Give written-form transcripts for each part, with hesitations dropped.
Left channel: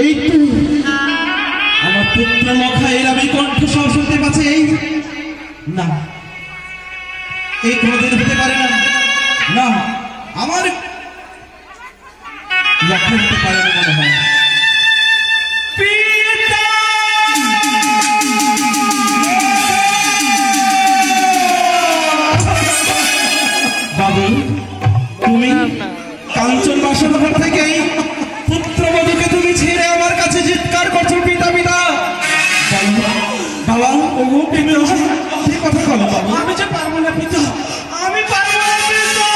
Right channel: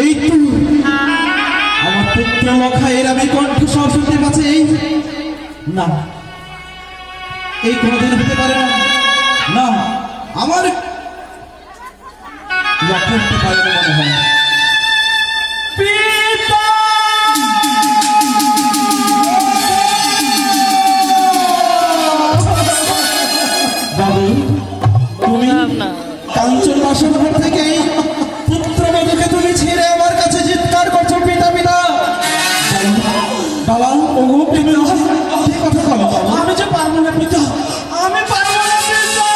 এই তো আমার পুত্র লখাইয়ের আমি কণ্ঠস্বর শুনতে পাচ্ছি। না, এই কোনদিন হতে পারে না। না, আমার হতে পারে না মনে হয়। বাবু, তুমি কাঞ্চন বাসন ঘর থেকে পুত্রবধূকে তুমি ছেড়ে আমার কাছে চিৎকার করছো পিতা পিতা। বাবা, তুমি কথা বলো বাবা। আমি যে পারবো না পিতা, আমি পারবো না পিতা।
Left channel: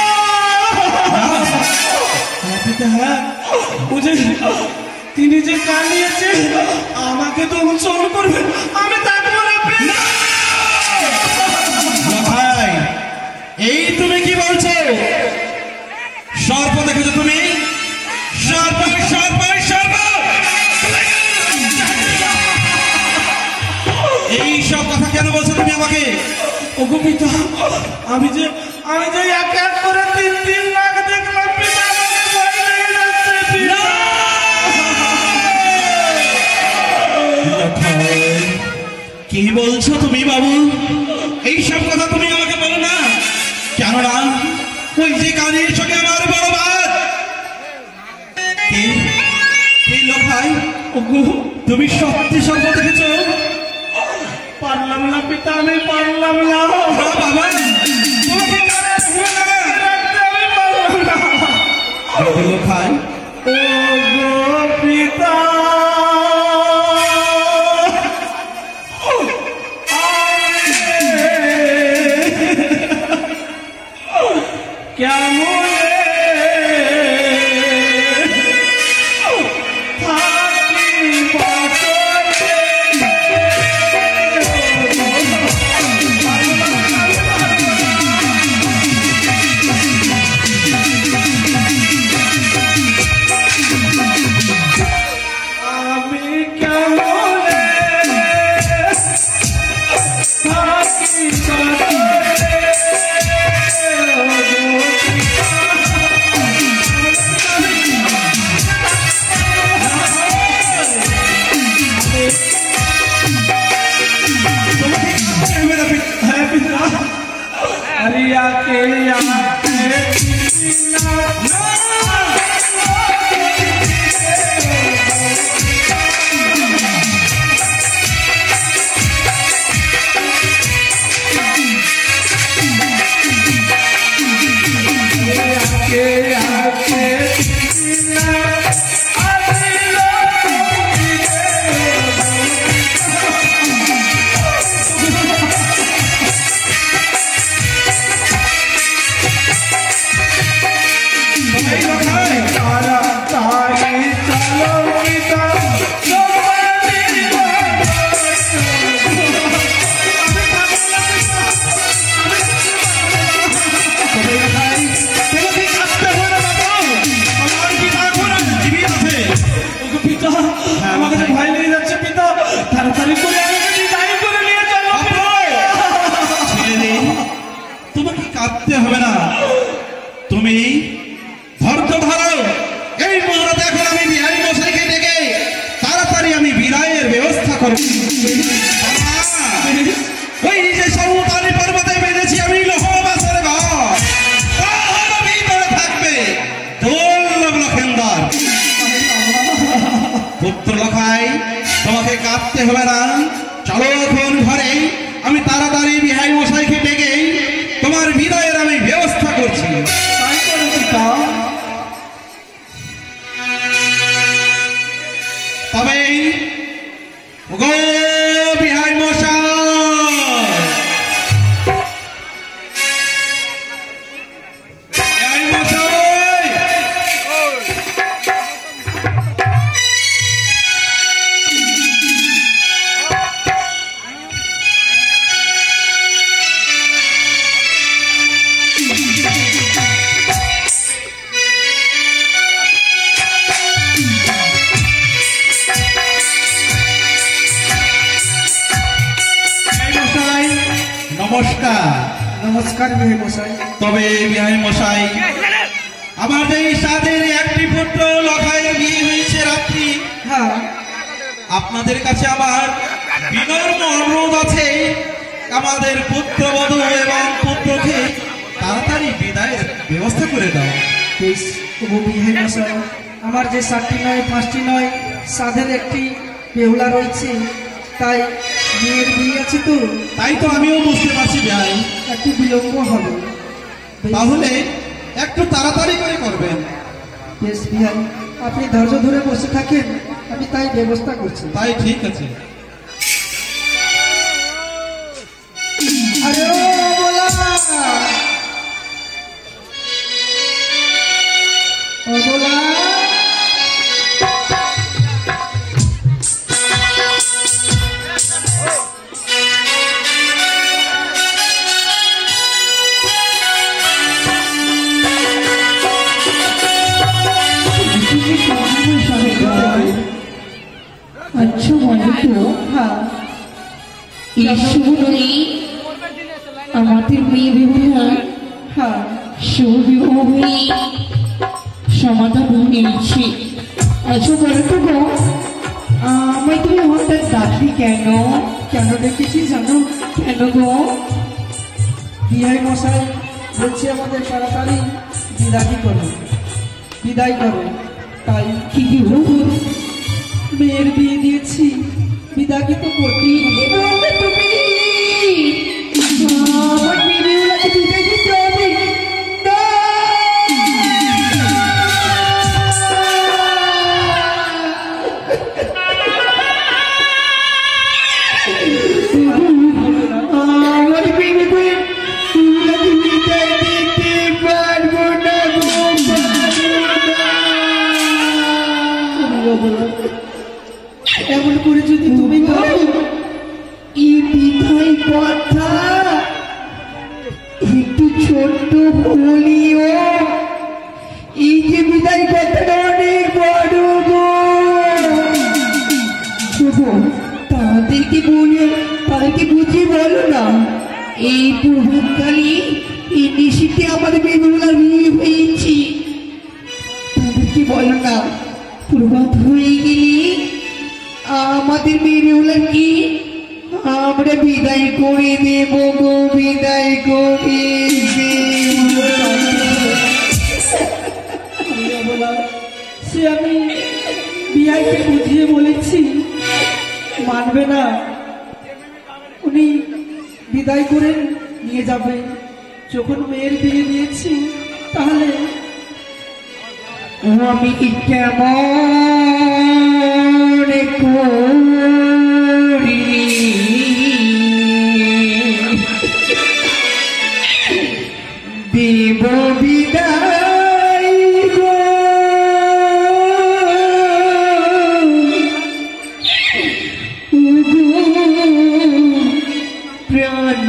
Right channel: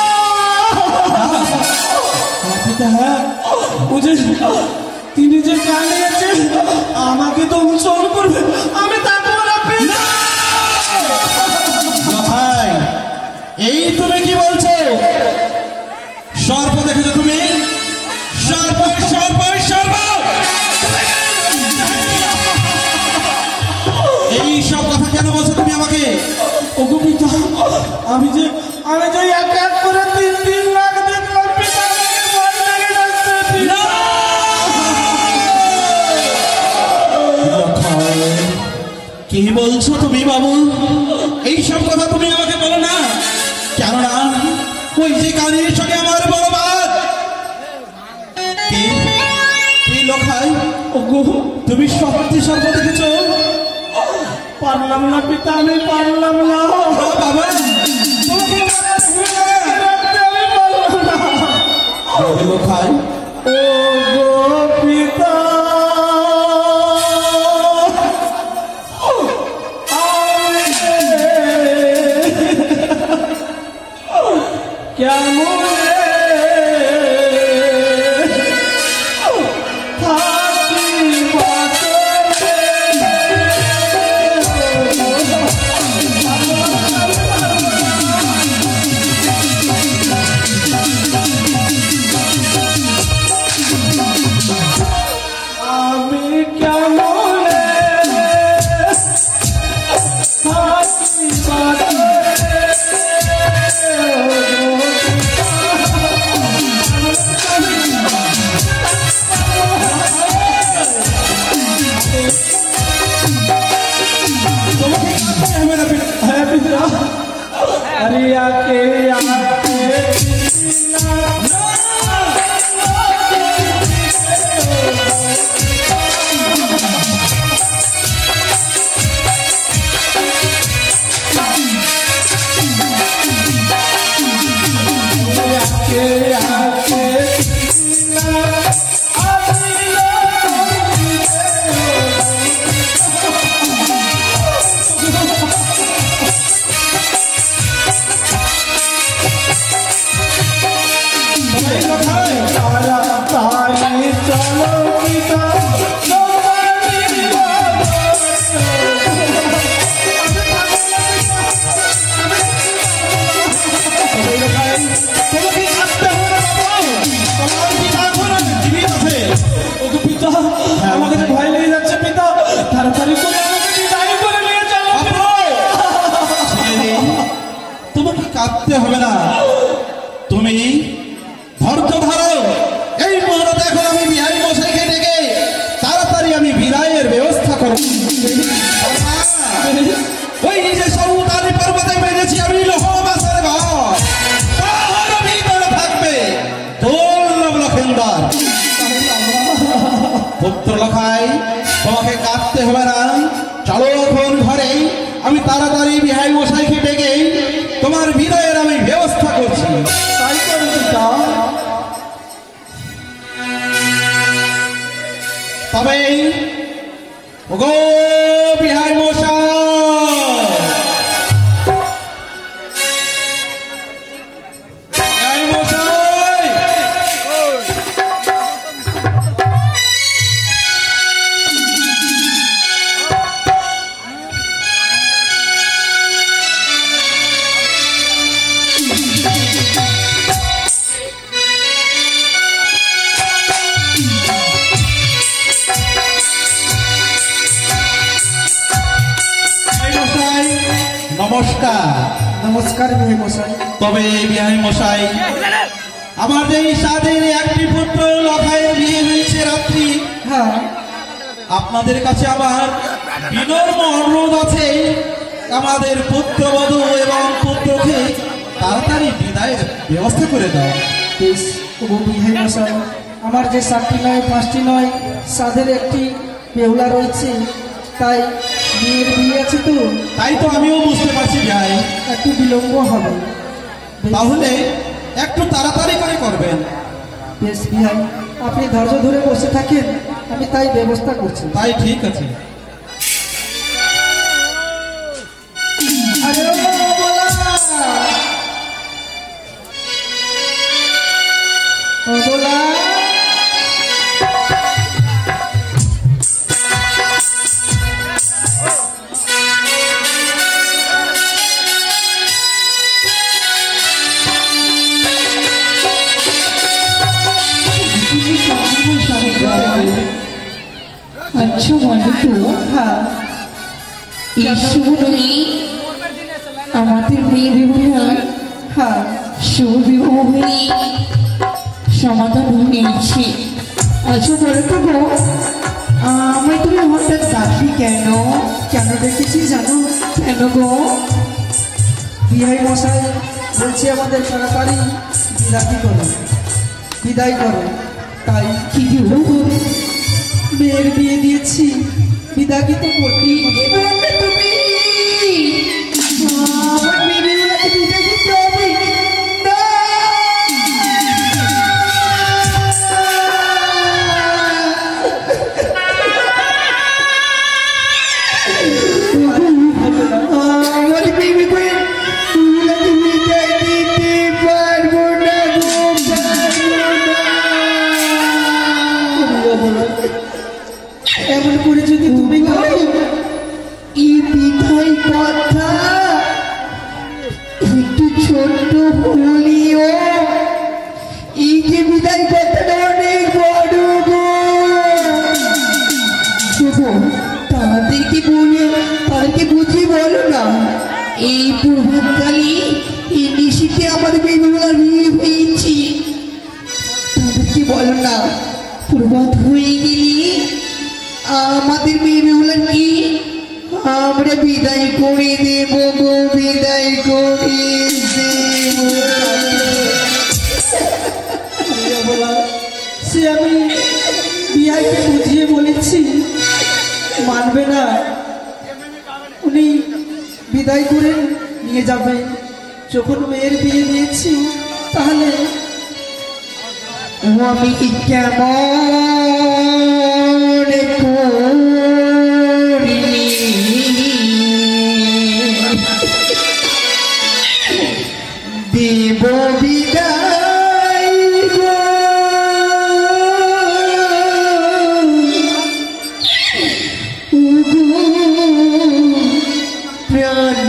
পিতা, হ্যাঁ, তিনি যে কাঁদিয়েছে আমাকে তো অনুসরণ করবে, আমি থাকবো না পিতা। ভাই, এই তুমি কি বলছো? সর্প দেখেছো তুমি? সর্প সর্প সর্প, এই সব কথা কেন বলছো তুমি আমাকে? ওগো পিতা, আমি যে এক এক করে 3 লাখ দেখলাম পিতা। কি বলছো তুমি বাবু? এই সব কথা তুমি আমাকে বলো না, কেননা ওই যে কানের সঙ্গে আমার বড় ভাত কি লখাই, তুমি সত্যি সর্ব দেখেছ? পারলাম না পিতা, আমি পারলাম না বাবা, তোমাকে লখাই। ও পিতা, কেমন কাঁদতে হবে না, তুমি ধৈর্য ধরো। এই মুহূর্তে এখন আমি বিহারী মশাইকে ডেকে তাড়াতাড়ি আমি বিদায়ের ব্যবস্থা করব। ওই নিজে সমুদ্রী পর্বতে বেঁধেছি আমি লোহবাসের ঘর, তার ভিতরে থাকবে দুর্লভ লক্ষেন্দর। পুত্র লখাই, তোমাকে কাঁদতে হবে না, চলো এখন ঘরে, আমি তাড়াতাড়ি বিহারী মশাইকে ডেকে তোমার বিদায়ের আমি ব্যবস্থা করছি। তবে গো বিহারী মশাই, নমস্কার। নমস্কার বিহারী মশাই। তবে বিহারী মশাই, আমার যে সাদের একটি পুত্র লখাইয়ের বিয়ে হয়েছে রাত্রি, আপনাদের কাছে আমার বিনম্র অনুরোধ আছে, আমাদের পুত্রবধূ এবং পুত্রকে তাড়াতাড়ি বিদায়ের ব্যবস্থা করে দাও। বেশ, তবু বিহাই মশাই, আমার যে 7টি নয় 5টি নয় সাধের একটি বেহুলা রয়েছে, তাই মেয়ের বিয়ে আছে তো। তাই তো আমিও বুঝতে পারছি ভাই, একটু বিলম্ব হবে। তাহলে একটু তাড়াতাড়ি করে করবেন। বেশ বিহাই, আপনি ধৈর্য ধরে বসে থাকেন, আমি তাই ব্যবস্থা করছি। তাই ঠিক আছে। আরে ও বলা আচ্ছা বলো তো, এই শুভই আমাদের মেয়ে বিবাহ শুভ বিবাহ হয়ে সমাধান হয়েছে। আচ্ছা বলো তো গো, আমায় তুমি হঠাৎ ডাকলি কেন? কেন ডেকেছি জানো? কেন গো? বিহাই মশাই বলছে আমাদের তাড়াতাড়ি বিদায় করো। তাই কি হলো? মেয়ের বিয়ে দিয়েছি, বিদায় তো করতেই হবে। আমার মেয়ে বিবাহকে বিদায় দিতে হবে। এমন করে যদি তুমি এই বিদায় কথা একটু ছোট্ট বলিও, এই যে বিদায় কথাটা অনেক বড় গো। তাদেরকে বুঝিয়ে বলো না, এই প্রভাতকালী এই নিশিতে আমাদের বেদুলা বিয়ে হয়েছি। তাদেরকে বলো না, প্রভাত হয়ে গেলে আমাদের মেয়েগুলোর কি আমরা বিদায় করে দেব গো, বিদায় করে সে আমি বিয়াকে বুঝিয়ে বলেছি, মানবে না। উনি বিদায় করে নিয়ে যাবে। যখন মেয়ের বিয়ে দিয়েছি, তাহলে আমি কেমন করি দেব বিদায় গো, প্রাণ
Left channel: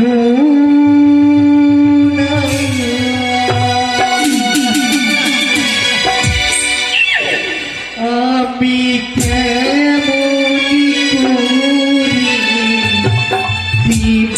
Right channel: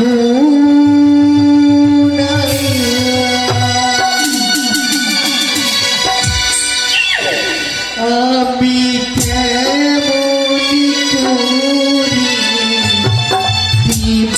আমি কেমন করি দিব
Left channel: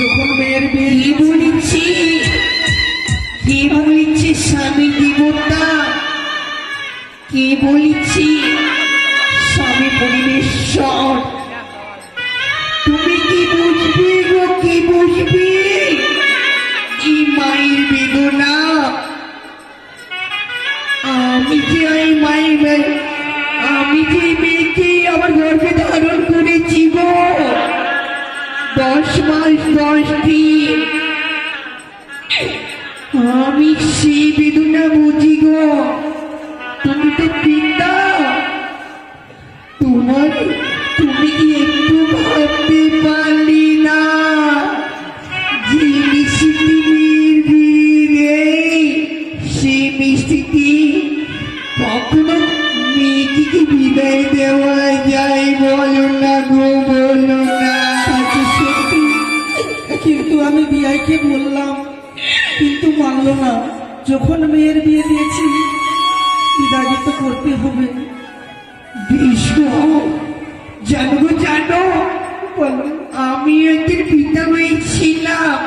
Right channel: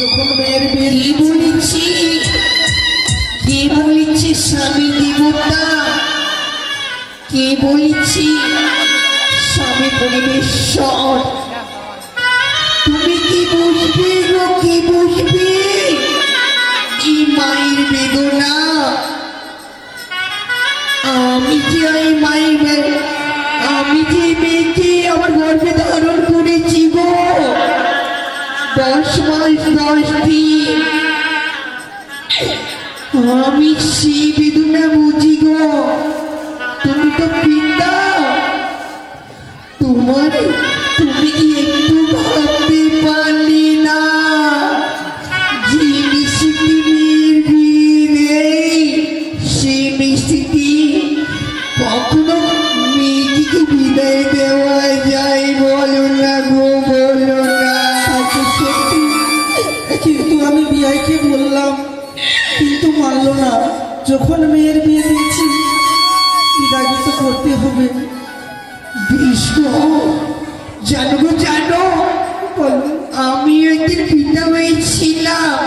যখন মেয়ের বিয়ে বলেছি কে বলেছি স্বামী দেবতা, কে বলেছি স্বামী পরিবেশ্বর, তুমি কি বুঝবে গো, কে বুঝবে কি মায়ের বেদনা। আমি যে এই মায়ের, আমি যে মেয়েকে আমার গর্ভে ধারণ করেছি গো 10 মাস 10 দিন, আমি সেই বেদনা বুঝি গো। তুমি তো পিতা, তুমি কি একটু ভাবতে পারলি না যে মিষ্টির বিয়ে সে মিষ্টি কখনো মেয়েটিকে বিদায় দেওয়া যায়? বলো না গো, বলো না। কিন্তু আমি বিয়াইকে বললাম, কিন্তু মানলো না। যখন মেয়ের বিয়ে দিয়েছি বিদায় তো করতে হবে। বিষ্ণু জানো গো, জানো আমি একদিন পিতা মেয়ে ছিলাম,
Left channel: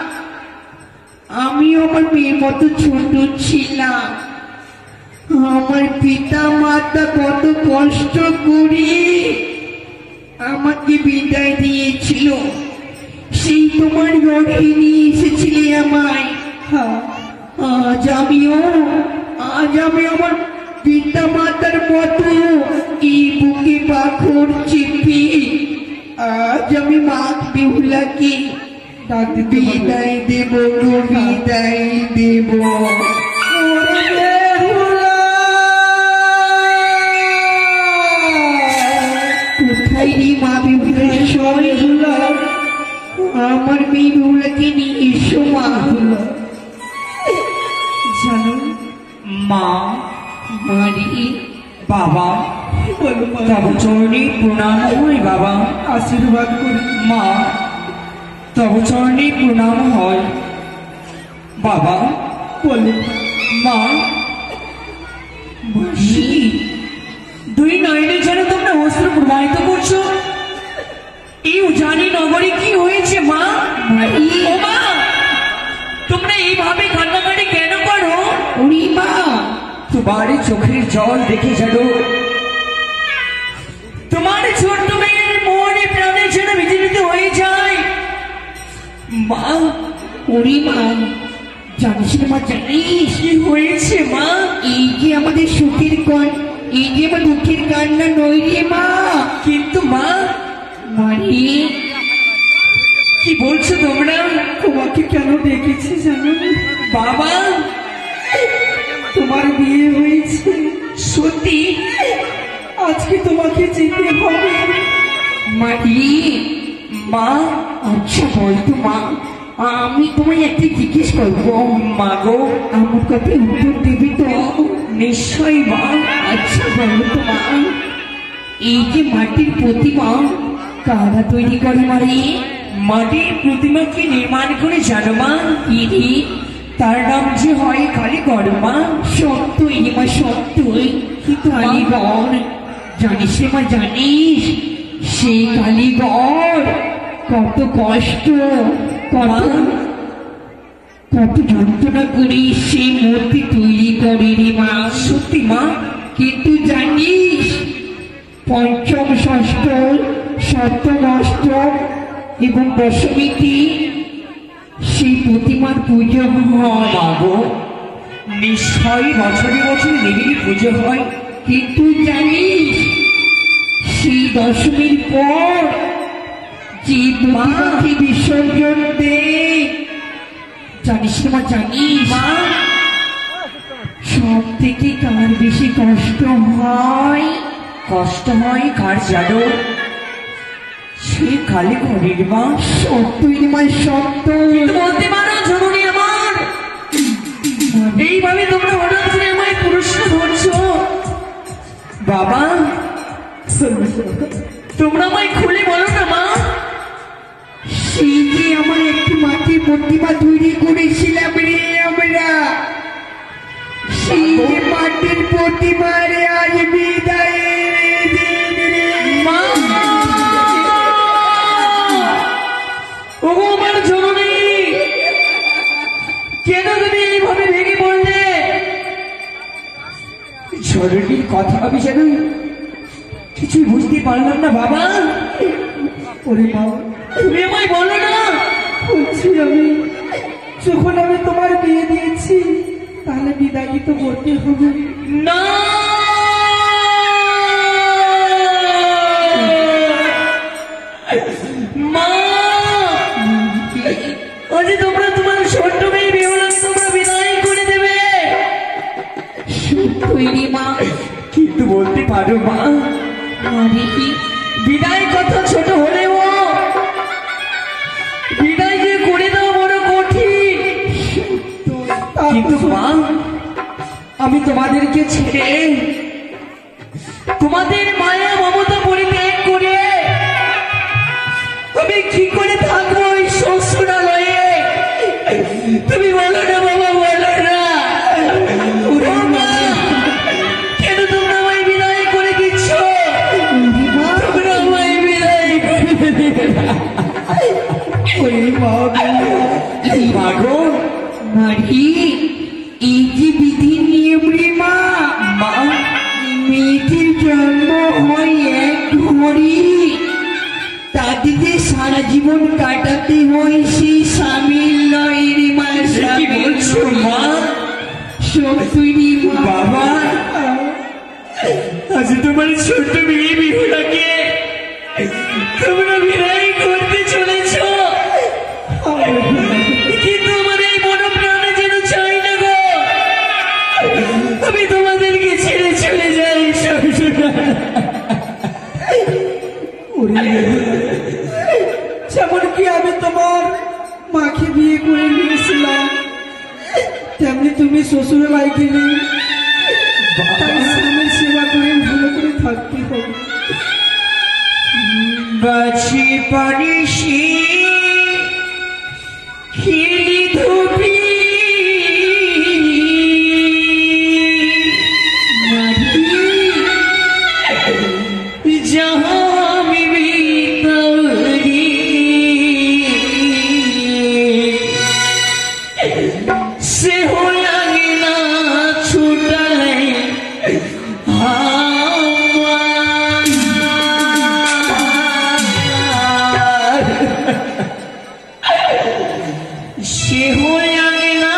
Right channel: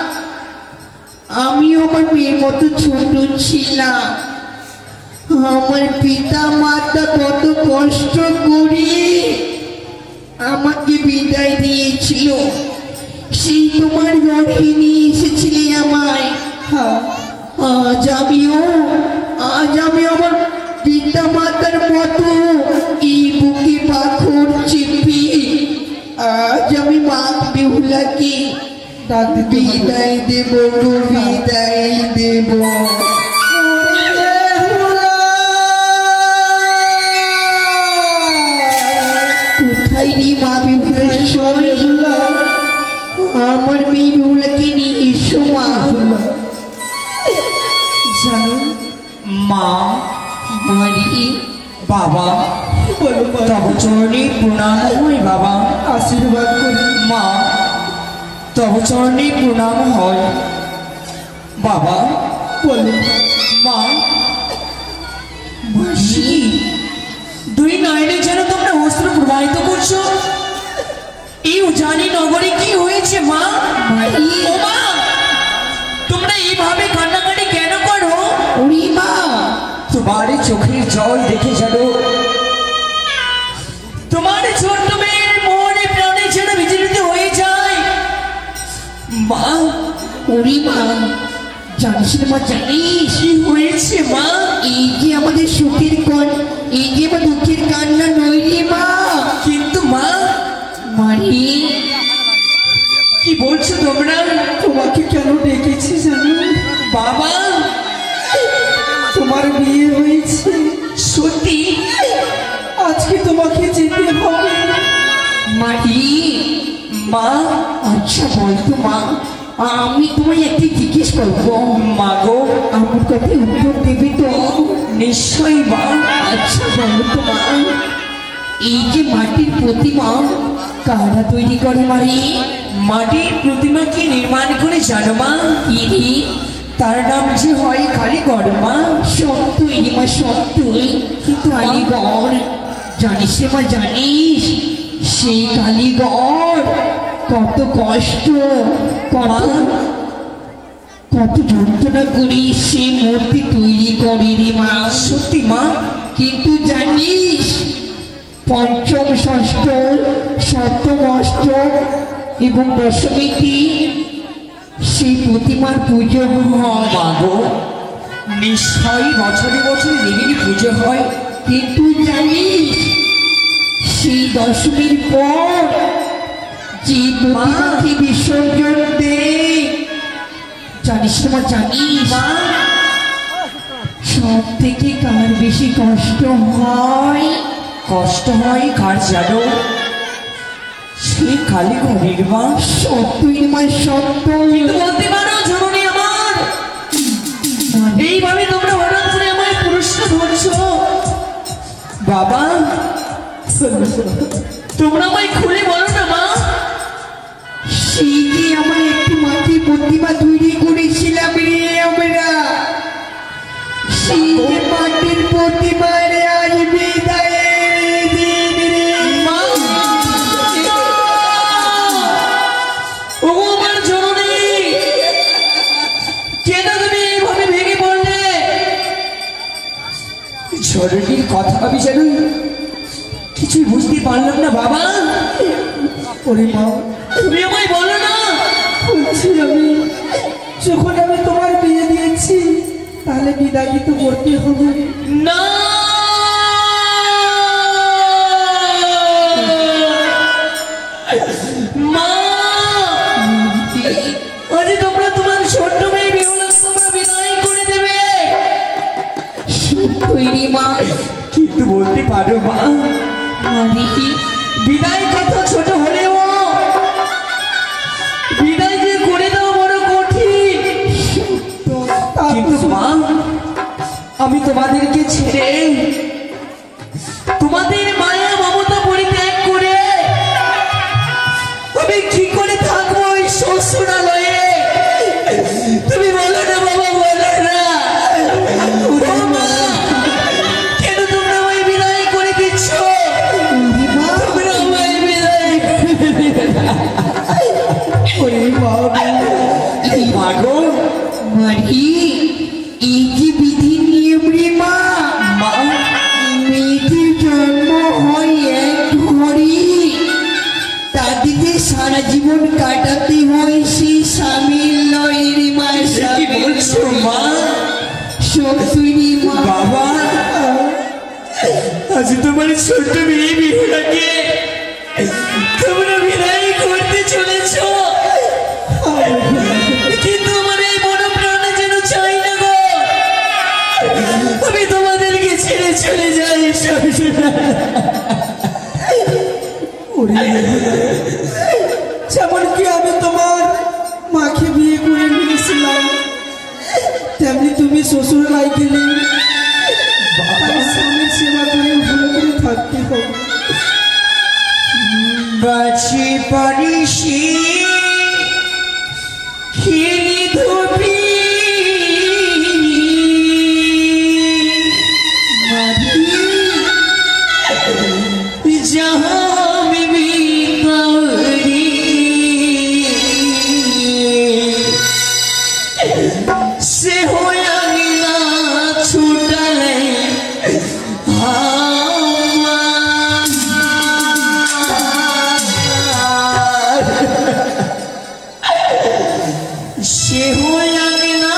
আমি আমার মেয়ের মতো ছোট ছিলাম। আমার পিতা মাতা কত কষ্ট করে আমাকে বিদায় দিয়েছিল, সেই তোমার গর্ভে নিয়ে এসেছিলে আমায়। আজ আমি আমার পিতা মাতার মতো এই বুকে পাথর চেপে আজ আমি মা বেহুলাকে বিদায় দেব, বিদায় দেব। কোথায় রে মা বেহুলা? আমার মেয়ে বেহুলাকে নিয়ে এসো মা। জানো মা, মারি বাবা, বলো তব চরণে প্রণাম হয় বাবা। আশীর্বাদ করি মা, তব চরণে প্রণাম হয় বাবা। বলো মা, মাসি, দুই নয়নে যেন তোমরা অস্ত্র প্রবাহিত করছো। এই উজানি নগরে কি হয়েছে মা? ও মা, তোমরা এইভাবে কান্নাকাটি কেন করো? ওরে মা, তোমার চোখের জল দেখে যেন তোমার ছোট্ট মেয়ের মনে প্রাণে যেন বিচলিত হয়ে যায় মা। ওরে মা, জানিস রে মা, জানিস কি হয়েছে মা? এই যে আমাদের সুখের কন, এই যে আমার দুঃখের কান্না নই রে মা। কিন্তু মা, মারি কি বলছো তোমরা? তোমাকে কেন ডেকেছি জানো? বাবা, তোমার বিয়ে হয়েছে, সত্যি? আজকে তোমাকে যেতে হবে। মারি। মা, আচ্ছা বলতো মা, আমি তোমায় একটু জিজ্ঞেস করবো, মা গো, আমার কথা উত্তর দেবে তো? নিশ্চয়ই মা। আচ্ছা বলতো মা, এই যে মাটির প্রতিমা কারা তৈরি করে মারি? মাটির প্রতিমা কি নির্মাণ করে জানো মা? কি রে? তার নাম যে হয় কালীঘর মা। সত্যই রে মা, সত্যই। কিন্তু কালীঘর, জানিস রে মা, জানিস সেই কালীঘর কত কষ্ট, কত কত যন্ত্রণা করে সেই মূর্তি তৈরি করে রে মা। সত্যি মা? কিন্তু জানিস পঞ্চম, ষষ্ঠ, সপ্তম, অষ্টম এবং দশমীতে সেই প্রতিমার পুজো হয়। মা গো, নিশ্চয়ই বছরে বছরে দেবীর পুজো হয়। কিন্তু জানিস সেই দশমীর পর যে প্রতিমাকে বিসর্জন দেয়, জানিস না জানিস মা, সব থেকে কার বেশি কষ্ট হয়? কষ্ট হয় কার জানো? সে কালীঘরের মা। সত্যই রে মা, সত্য। কিন্তু বলতে পারো জননী আমার, এইভাবে তোমরা হঠাৎ করে আমায় প্রশ্ন করছো? বাবা, তোমরা আমায় খুলে বলো না মা। সেই যে আমার একটি মাটির প্রতিমা তৈরি করেছিলাম রে আমরা, সেই যে মাটির প্রতিমা রে আজ বিদায়ের দিন রে। মা! ওগো আমার জননী, কেন তুমি এইভাবে ভেঙে পড়লে? জননীর কথা আমি যেন কিছুই বুঝতে পারলাম না বাবা। ওরে মা, তুমি আমায় বলো না। বলছি আমি, যখন আমি তোমার বিয়ে দিয়েছি তাহলে বিদায় তো করতে হবে। না, মা, আজ তোমরা তোমার ছোট্ট মেয়ে বিহুলাকে তোমরা বিদায় করে দেবে। সত্যই রে মা। কিন্তু বলতে পারো মা, মানে কি? বিদায় কথা ছোট হলেও বিদায় যে করে দাও বড় কঠিন। কিন্তু মা, আমি তোমাদেরকে ছেড়ে, তোমাদের মায়া মমতা পরিত্যাগ করে আমি কি করে থাকবো ওই শ্বশুরালয়ে? তুমি বলো না বাবা, বলো না। ও মা, কেন তোমরা আমায় বিদায় করে দিচ্ছ? তোমরা আমায় বিদায় করে দিবে না। ওরে মা, এই মা গো, মারি, এই যে বিধি নিয়ম রে মা, মা, মেয়েটির জন্ম হয় এক ঘরে, তাদেরকে সারা জীবন কাটাতে হয় সেই স্বামীর লয় রে মা। সে কি বলছো মা? সত্যই রে মা। বাবা, আজ তোমার ছোট্ট মেয়ে বিহুলাকে তোমরা বিদায় করতে চলেছ, কিন্তু আমার এই মনে প্রাণে যেন চাই না গো আমি তোমাদেরকে ছেড়ে চলে যাই। ওরে, যেমন কি আমি তোমার মাকে বিয়ে করে নিয়েছিলাম, তেমনি তুমি শ্বশুরালয় গেলে তার স্বামীর সেবা করে ভালো করে থাকতে হবে। বাছি পানিসি খেলি ধুবি जहाँ भी तोरी से होया गिला छूटले से होया गिला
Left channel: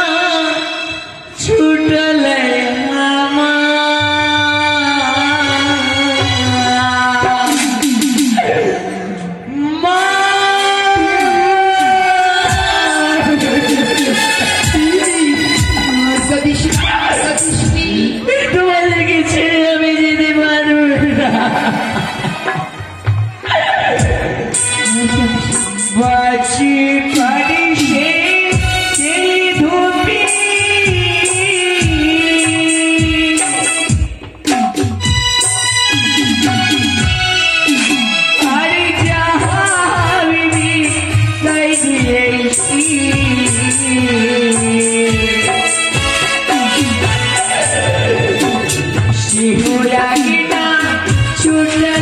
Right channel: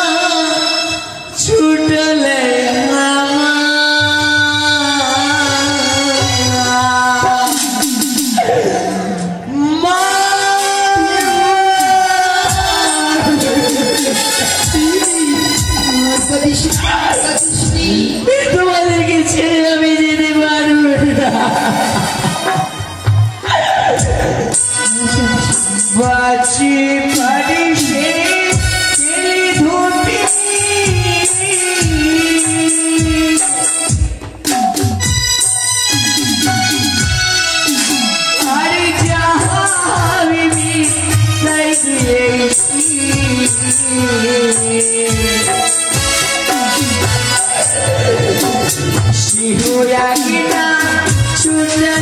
শিহুরাগিনা ছুটলে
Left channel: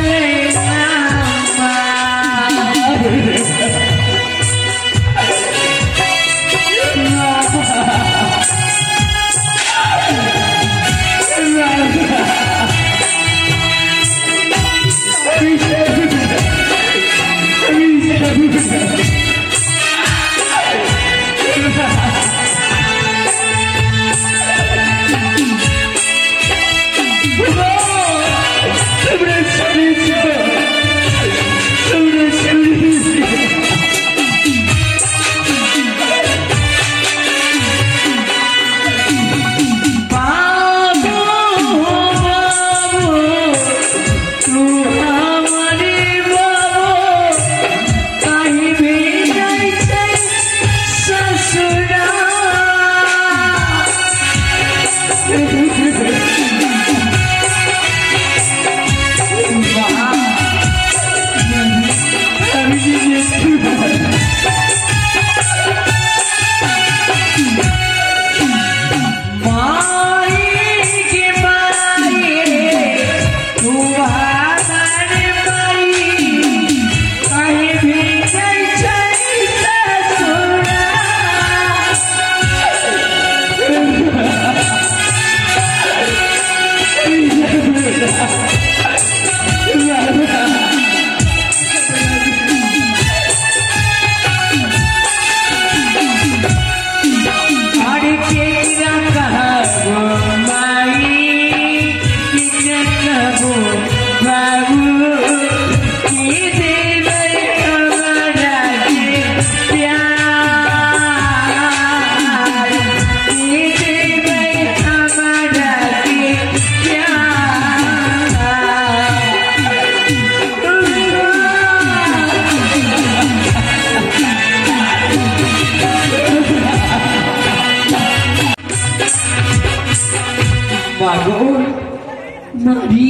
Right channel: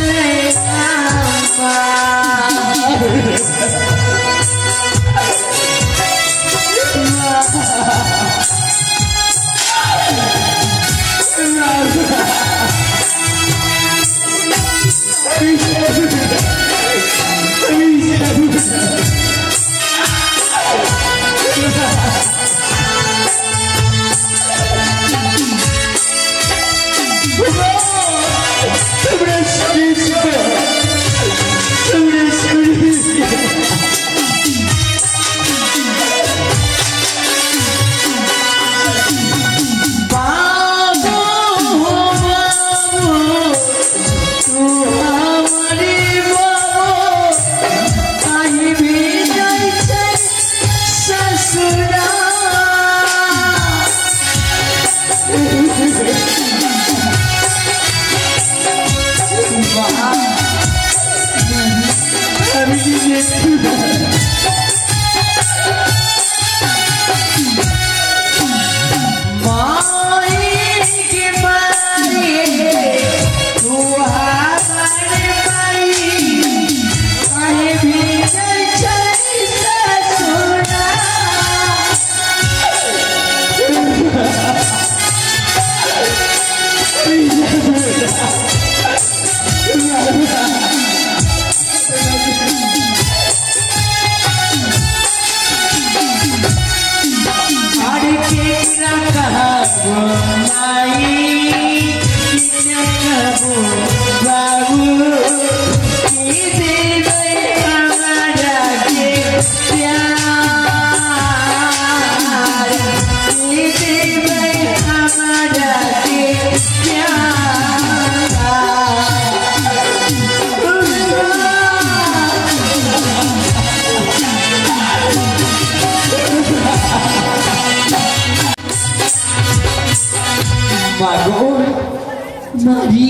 নারী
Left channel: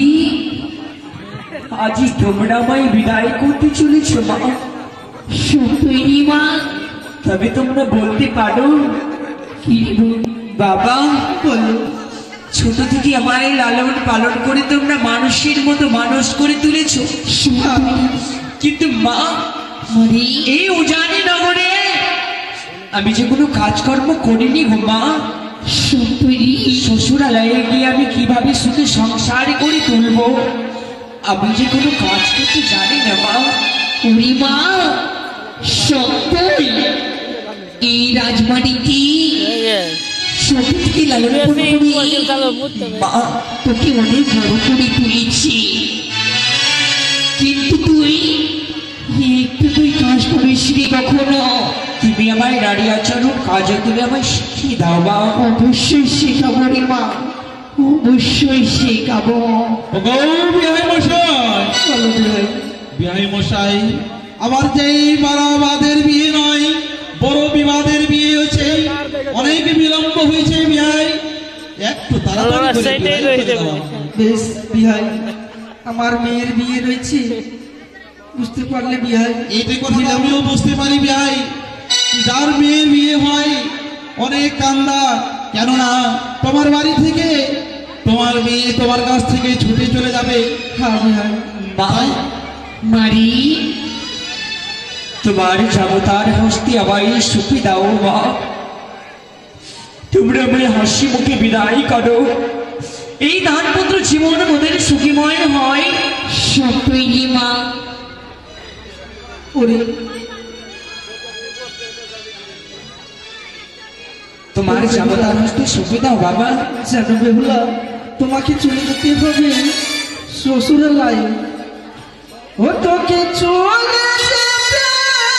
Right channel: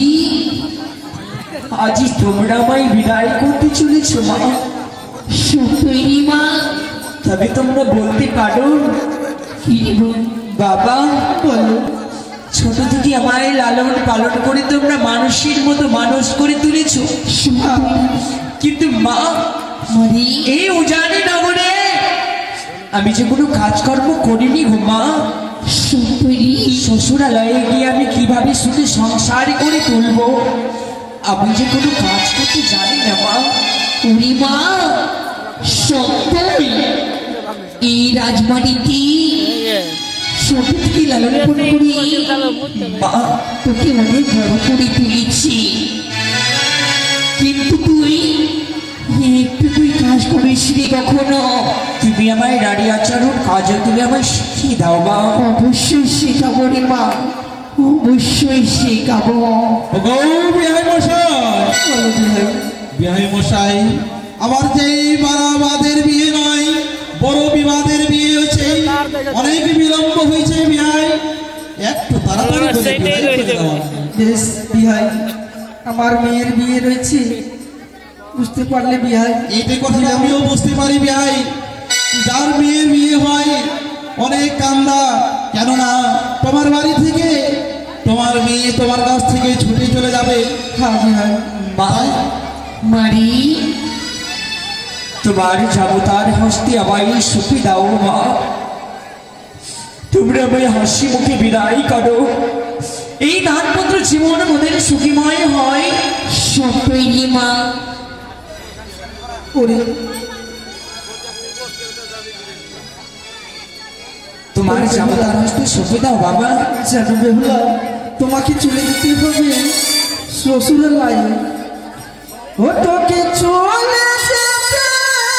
আজ তোমরা আমায় বিদায় করতে চলেছ মা। সত্যই মা। তবে তোমরা বলতে পারো কি বাবা? বলো। ছোট থেকে আমায় লালন পালন করে তোমরা মানুষের মতো মানুষ করে তুলেছ, কিন্তু মা মারি এই উজানি নগরে আমি যে কোনো কাজকর্ম করিনি গো মা। সত্যই শ্বশুরালয়ে গিয়ে আমি কিভাবে সুখে সংসার করে তুলবো, আমি যে কোনো কাজ করতে জানি না মা। ওরে মা, সত্যই এই রাজবাড়িটি ছোট থেকে লালন পালন করে মা তোকে অনেক বড় করে তুলেছি, কিন্তু তুই কাজ করিস নি কখনো। তুমি আমায় নারী আচরণ কাজও তুমি আমায় শিখিয়ে দাও মা। অবশ্যই শেখাবো রে মা, অবশ্যই শেখাবো। বিহাই মশাই, বিহাই মশাই, আমার যে বারাবাদের বিয়ে নয়, বড় বিবাদের বিয়ে হয়েছে, অনেক বিলম্ব হয়েছে বিহাই, একটু তাড়াতাড়ি করে বিয়ে করে দাও। বেশ বিহাই, আমার মেয়ের বিয়ে রয়েছে, বুঝতে পারলে বিহাই? এইটা কথা আমিও বুঝতে পারি বিহাই, যার মেয়ের বিয়ে হয় অনেক কান্দা, কেননা তোমার বাড়ি থেকে তোমার মেয়ে তোমার কাছ থেকে ছুটে চলে যাবে। হ্যাঁ বিহাই। ভাই মারি তোমার যাবতার হস্তে আমায় সুখী দাও মা। তোমরা আমায় হাসি মুখে বিদায় করো, এই দানপত্র জীবন মোদের সুখীময় হয়। সত্যই রে মা। ওরে তোমার যাবতার হস্তে সুখী দাও বাবা। যেন বেহুলা, তোমাকে চলে যেতে হবে শ্বশুরালয়ে। ও তোকে চলে যেতে হবে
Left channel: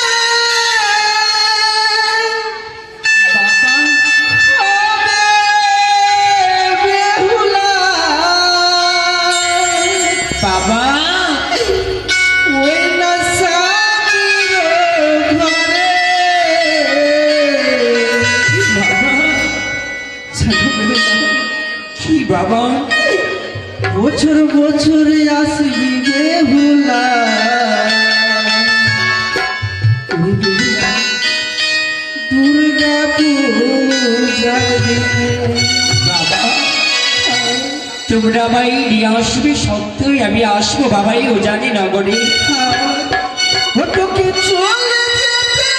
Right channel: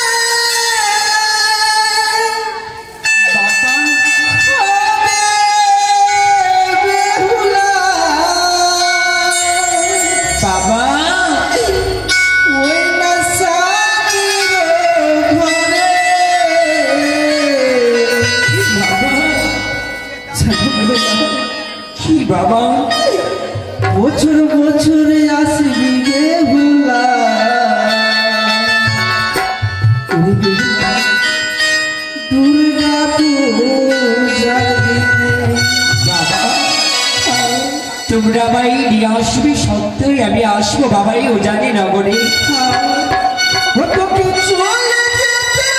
বেহুলা। বাবা ওই না স্বামীর ঘরে। কি বাবা? বছর বছর আসবি বেহুলা। দুর্গা তোমরা আমায় নিয়ে আসবে, সত্যই আমি আসবো বাবা এই উজানি নগরে। তোকে চলে যেতে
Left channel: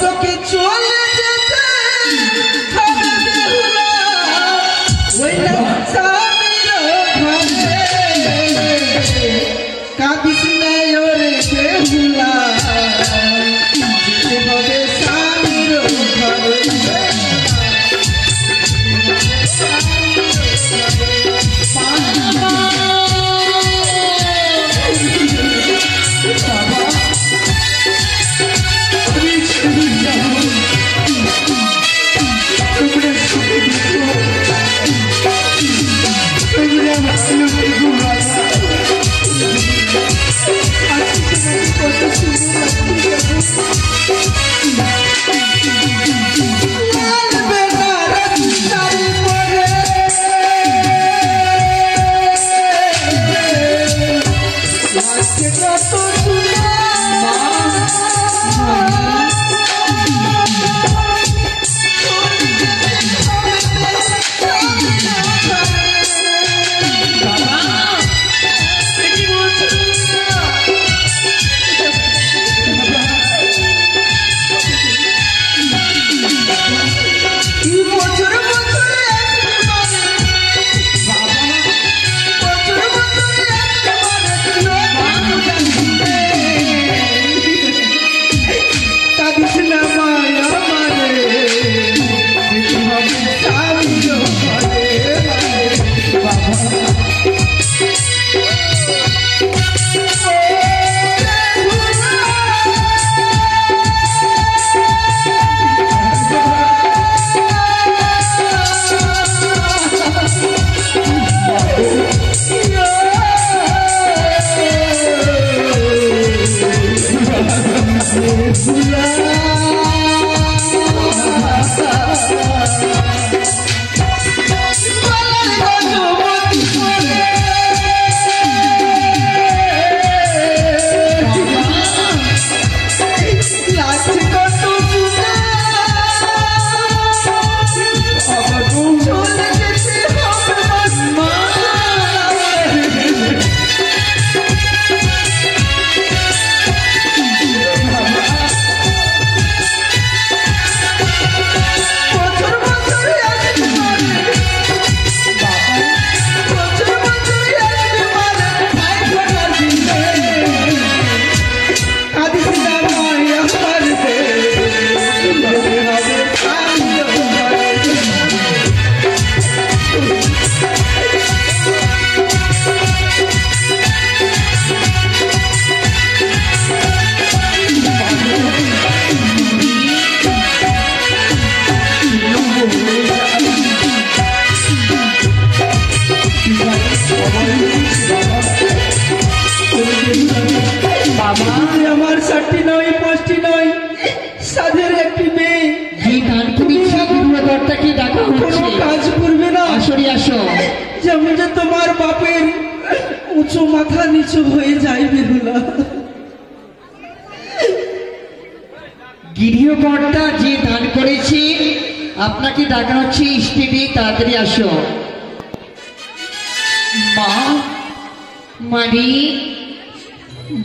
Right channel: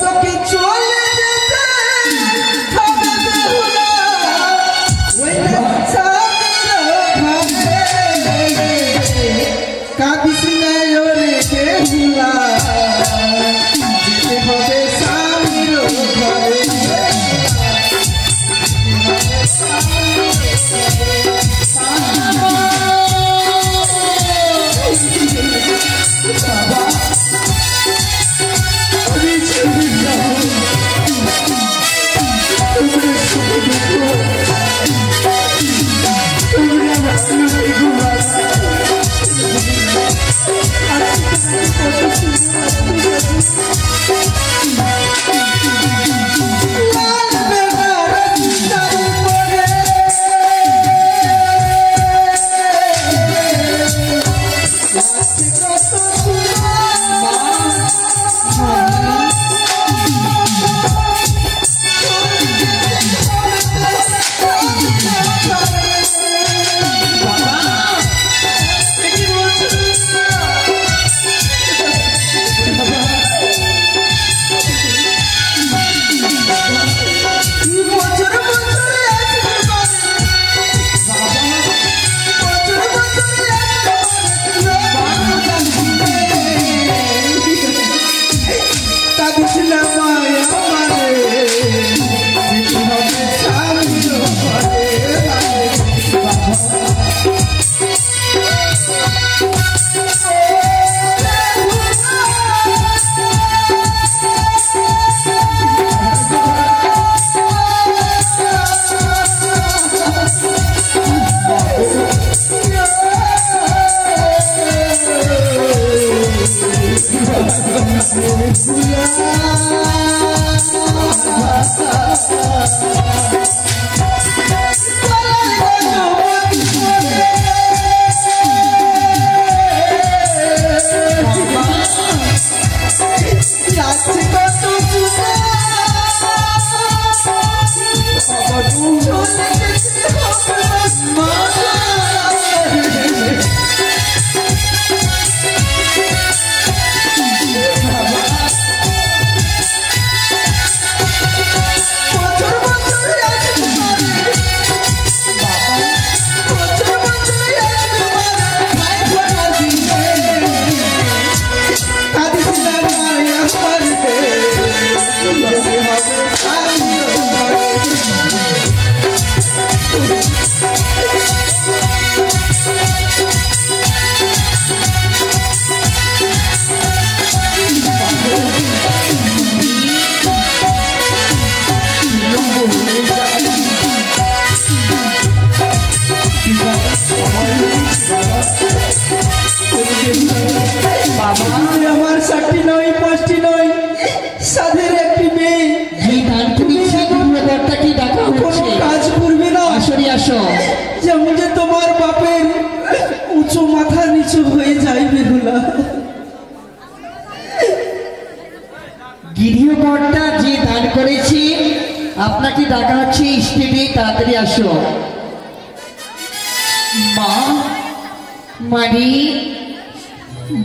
তোকে চলে যেতে কাঁদিস নাই ওরে বেহুলা, যেতে হবে স্বামীর ঘরে। আমার 6টি নয় 5টি নয় সাধের একটি মেয়ে যে দান করেছে গৃহকর্তাকে ডাকা কোনো হচ্ছে। কাজ করবে না। আসরে আসো। যেমন যে তোমার বাপের উঁচু মাথা নিচু হয়ে যায় বেহুলা। গৃহকর্তা যে দান করেছে আপনাকে ডাকা হচ্ছে স্টেটে, তাড়াতাড়ি আসো। মা, মারি,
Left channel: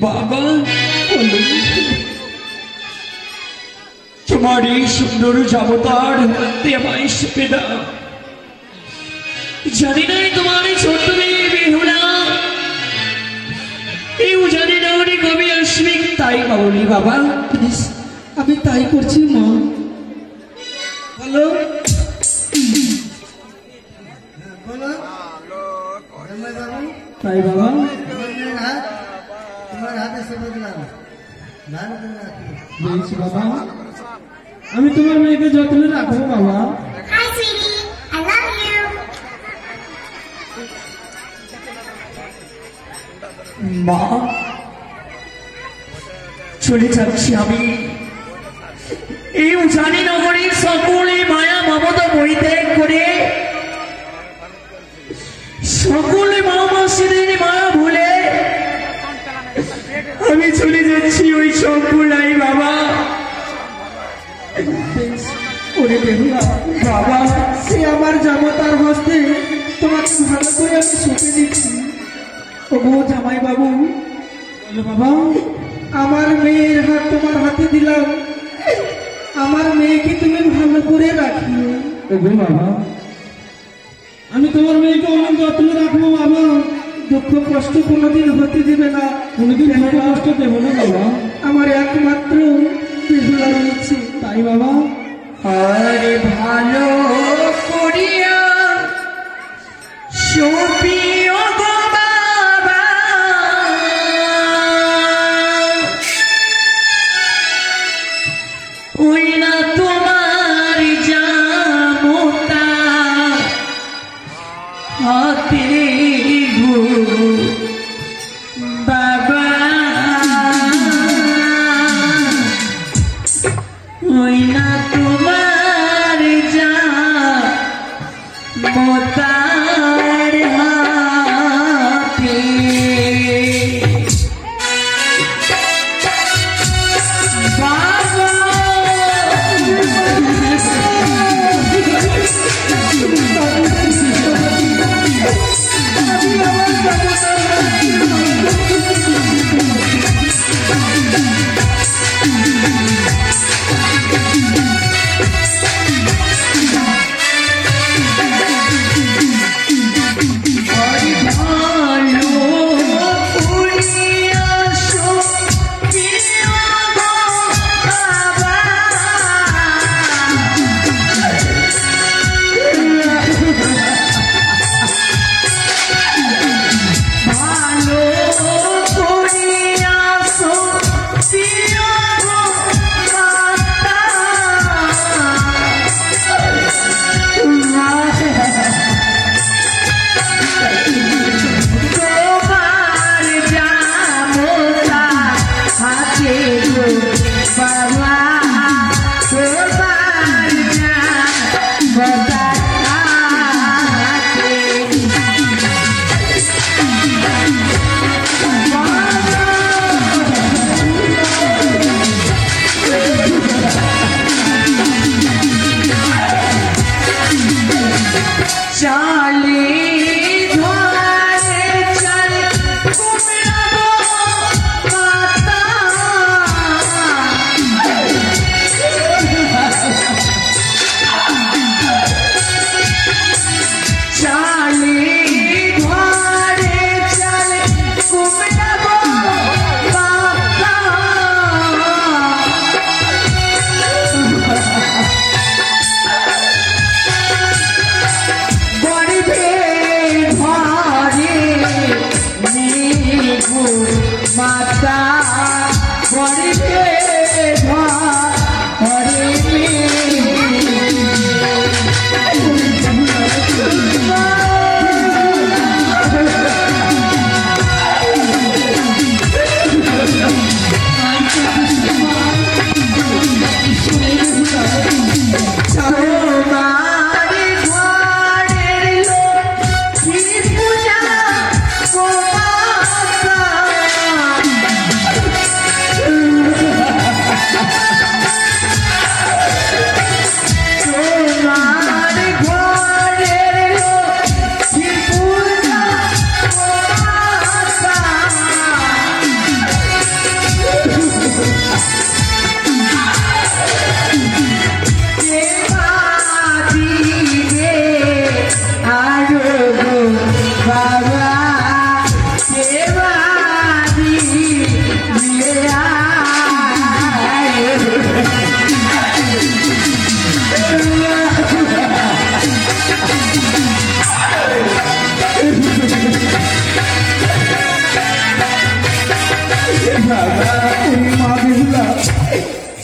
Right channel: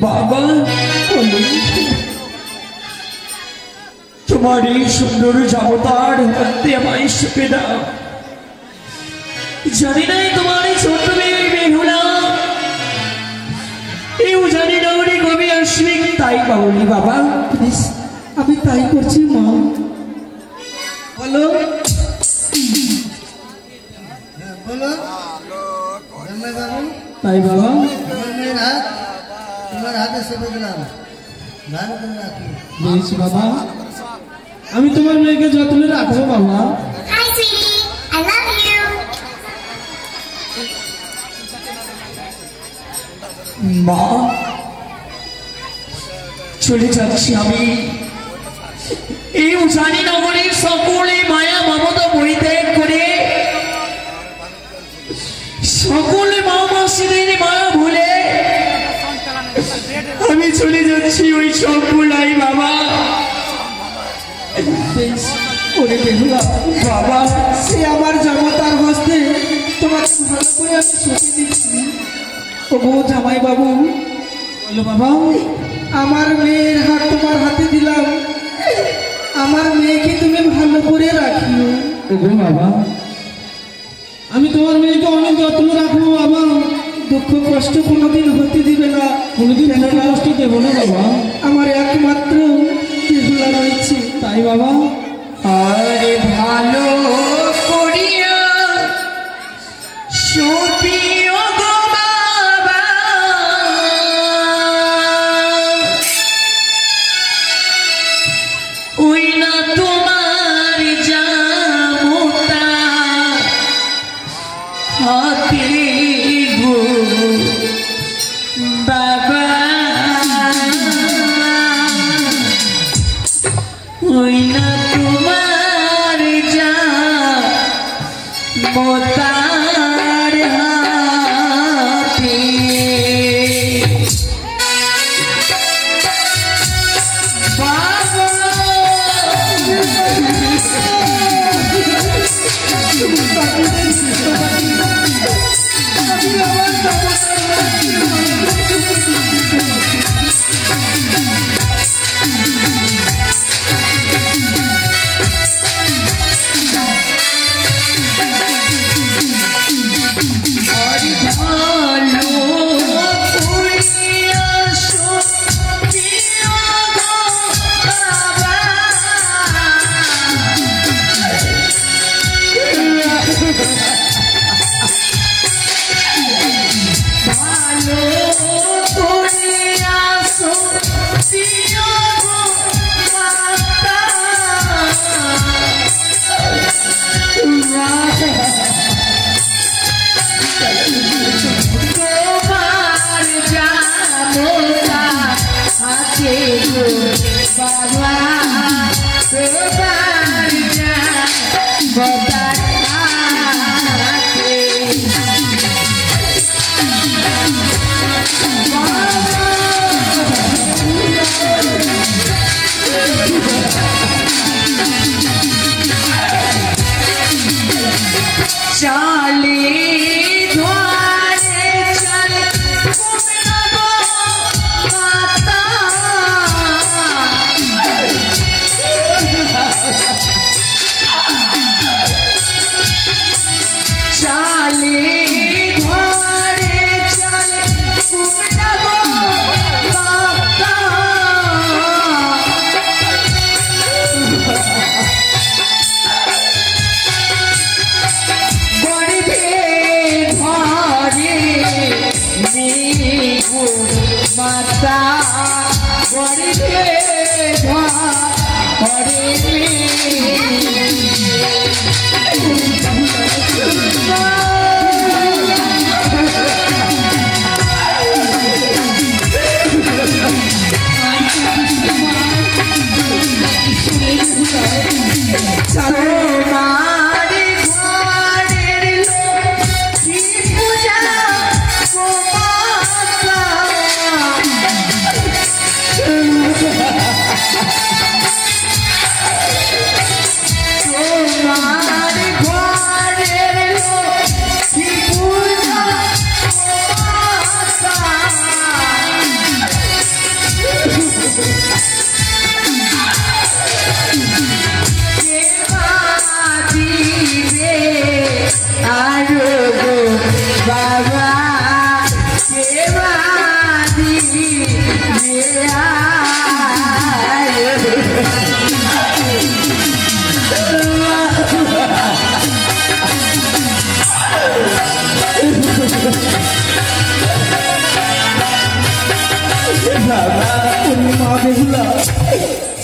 বাবা তোমার এই সুন্দর জামতার হাতে আমায় সুপে দাও। জানি না তোমার এই ছোট্ট মেয়ে বেহুলা এই উজানি নগরে কবে আসবে, তাই বলি বাবা। প্লিজ, আমি তাই করছি মা। বলো তাই বাবা। তোমার হাতে সেবা দিলাম, ধান করে রাখি। বলছি বাবা, আমি তোমার মেয়েকে যত্নে রাখবো বাবা। Hi, sweetie. I love you. মা চলে যাচ্ছি আমি এই উজানি নগরীর সকলে মায়া মমতা পরিত্যাগ করে, সকলে মা মাসিদের মায়া ভুলে আমি চলে যাচ্ছি ওই সকলাই বাবা। ওরে বেহুলা বাবা, সে আমার জামাতার হস্তে তোমাকে ভালো করে আমি শুতে দিচ্ছি। ওগো জামাই বাবু, বলো বাবা। আমার মেয়ের হাত তোমার হাতে দিলাম, আমার মেয়েকে তুমি ভালো করে রাখিও। ওগো বাবা, আমি তোমার মেয়েকে অনেক যত্ন রাখবো বাবা। দুঃখ কষ্ট কোনোদিন হতে দিবে না, কোনোদিন দুঃখ কষ্ট দেবো না বাবা। আমার একমাত্র বেহুলা রয়েছে। তাই বাবা। আরে ভালো করিয়া সপিও গো বাবা, ওই না তোমার জামতা হাতে গো বাবা, ওই না তোমার জামতার হাতে।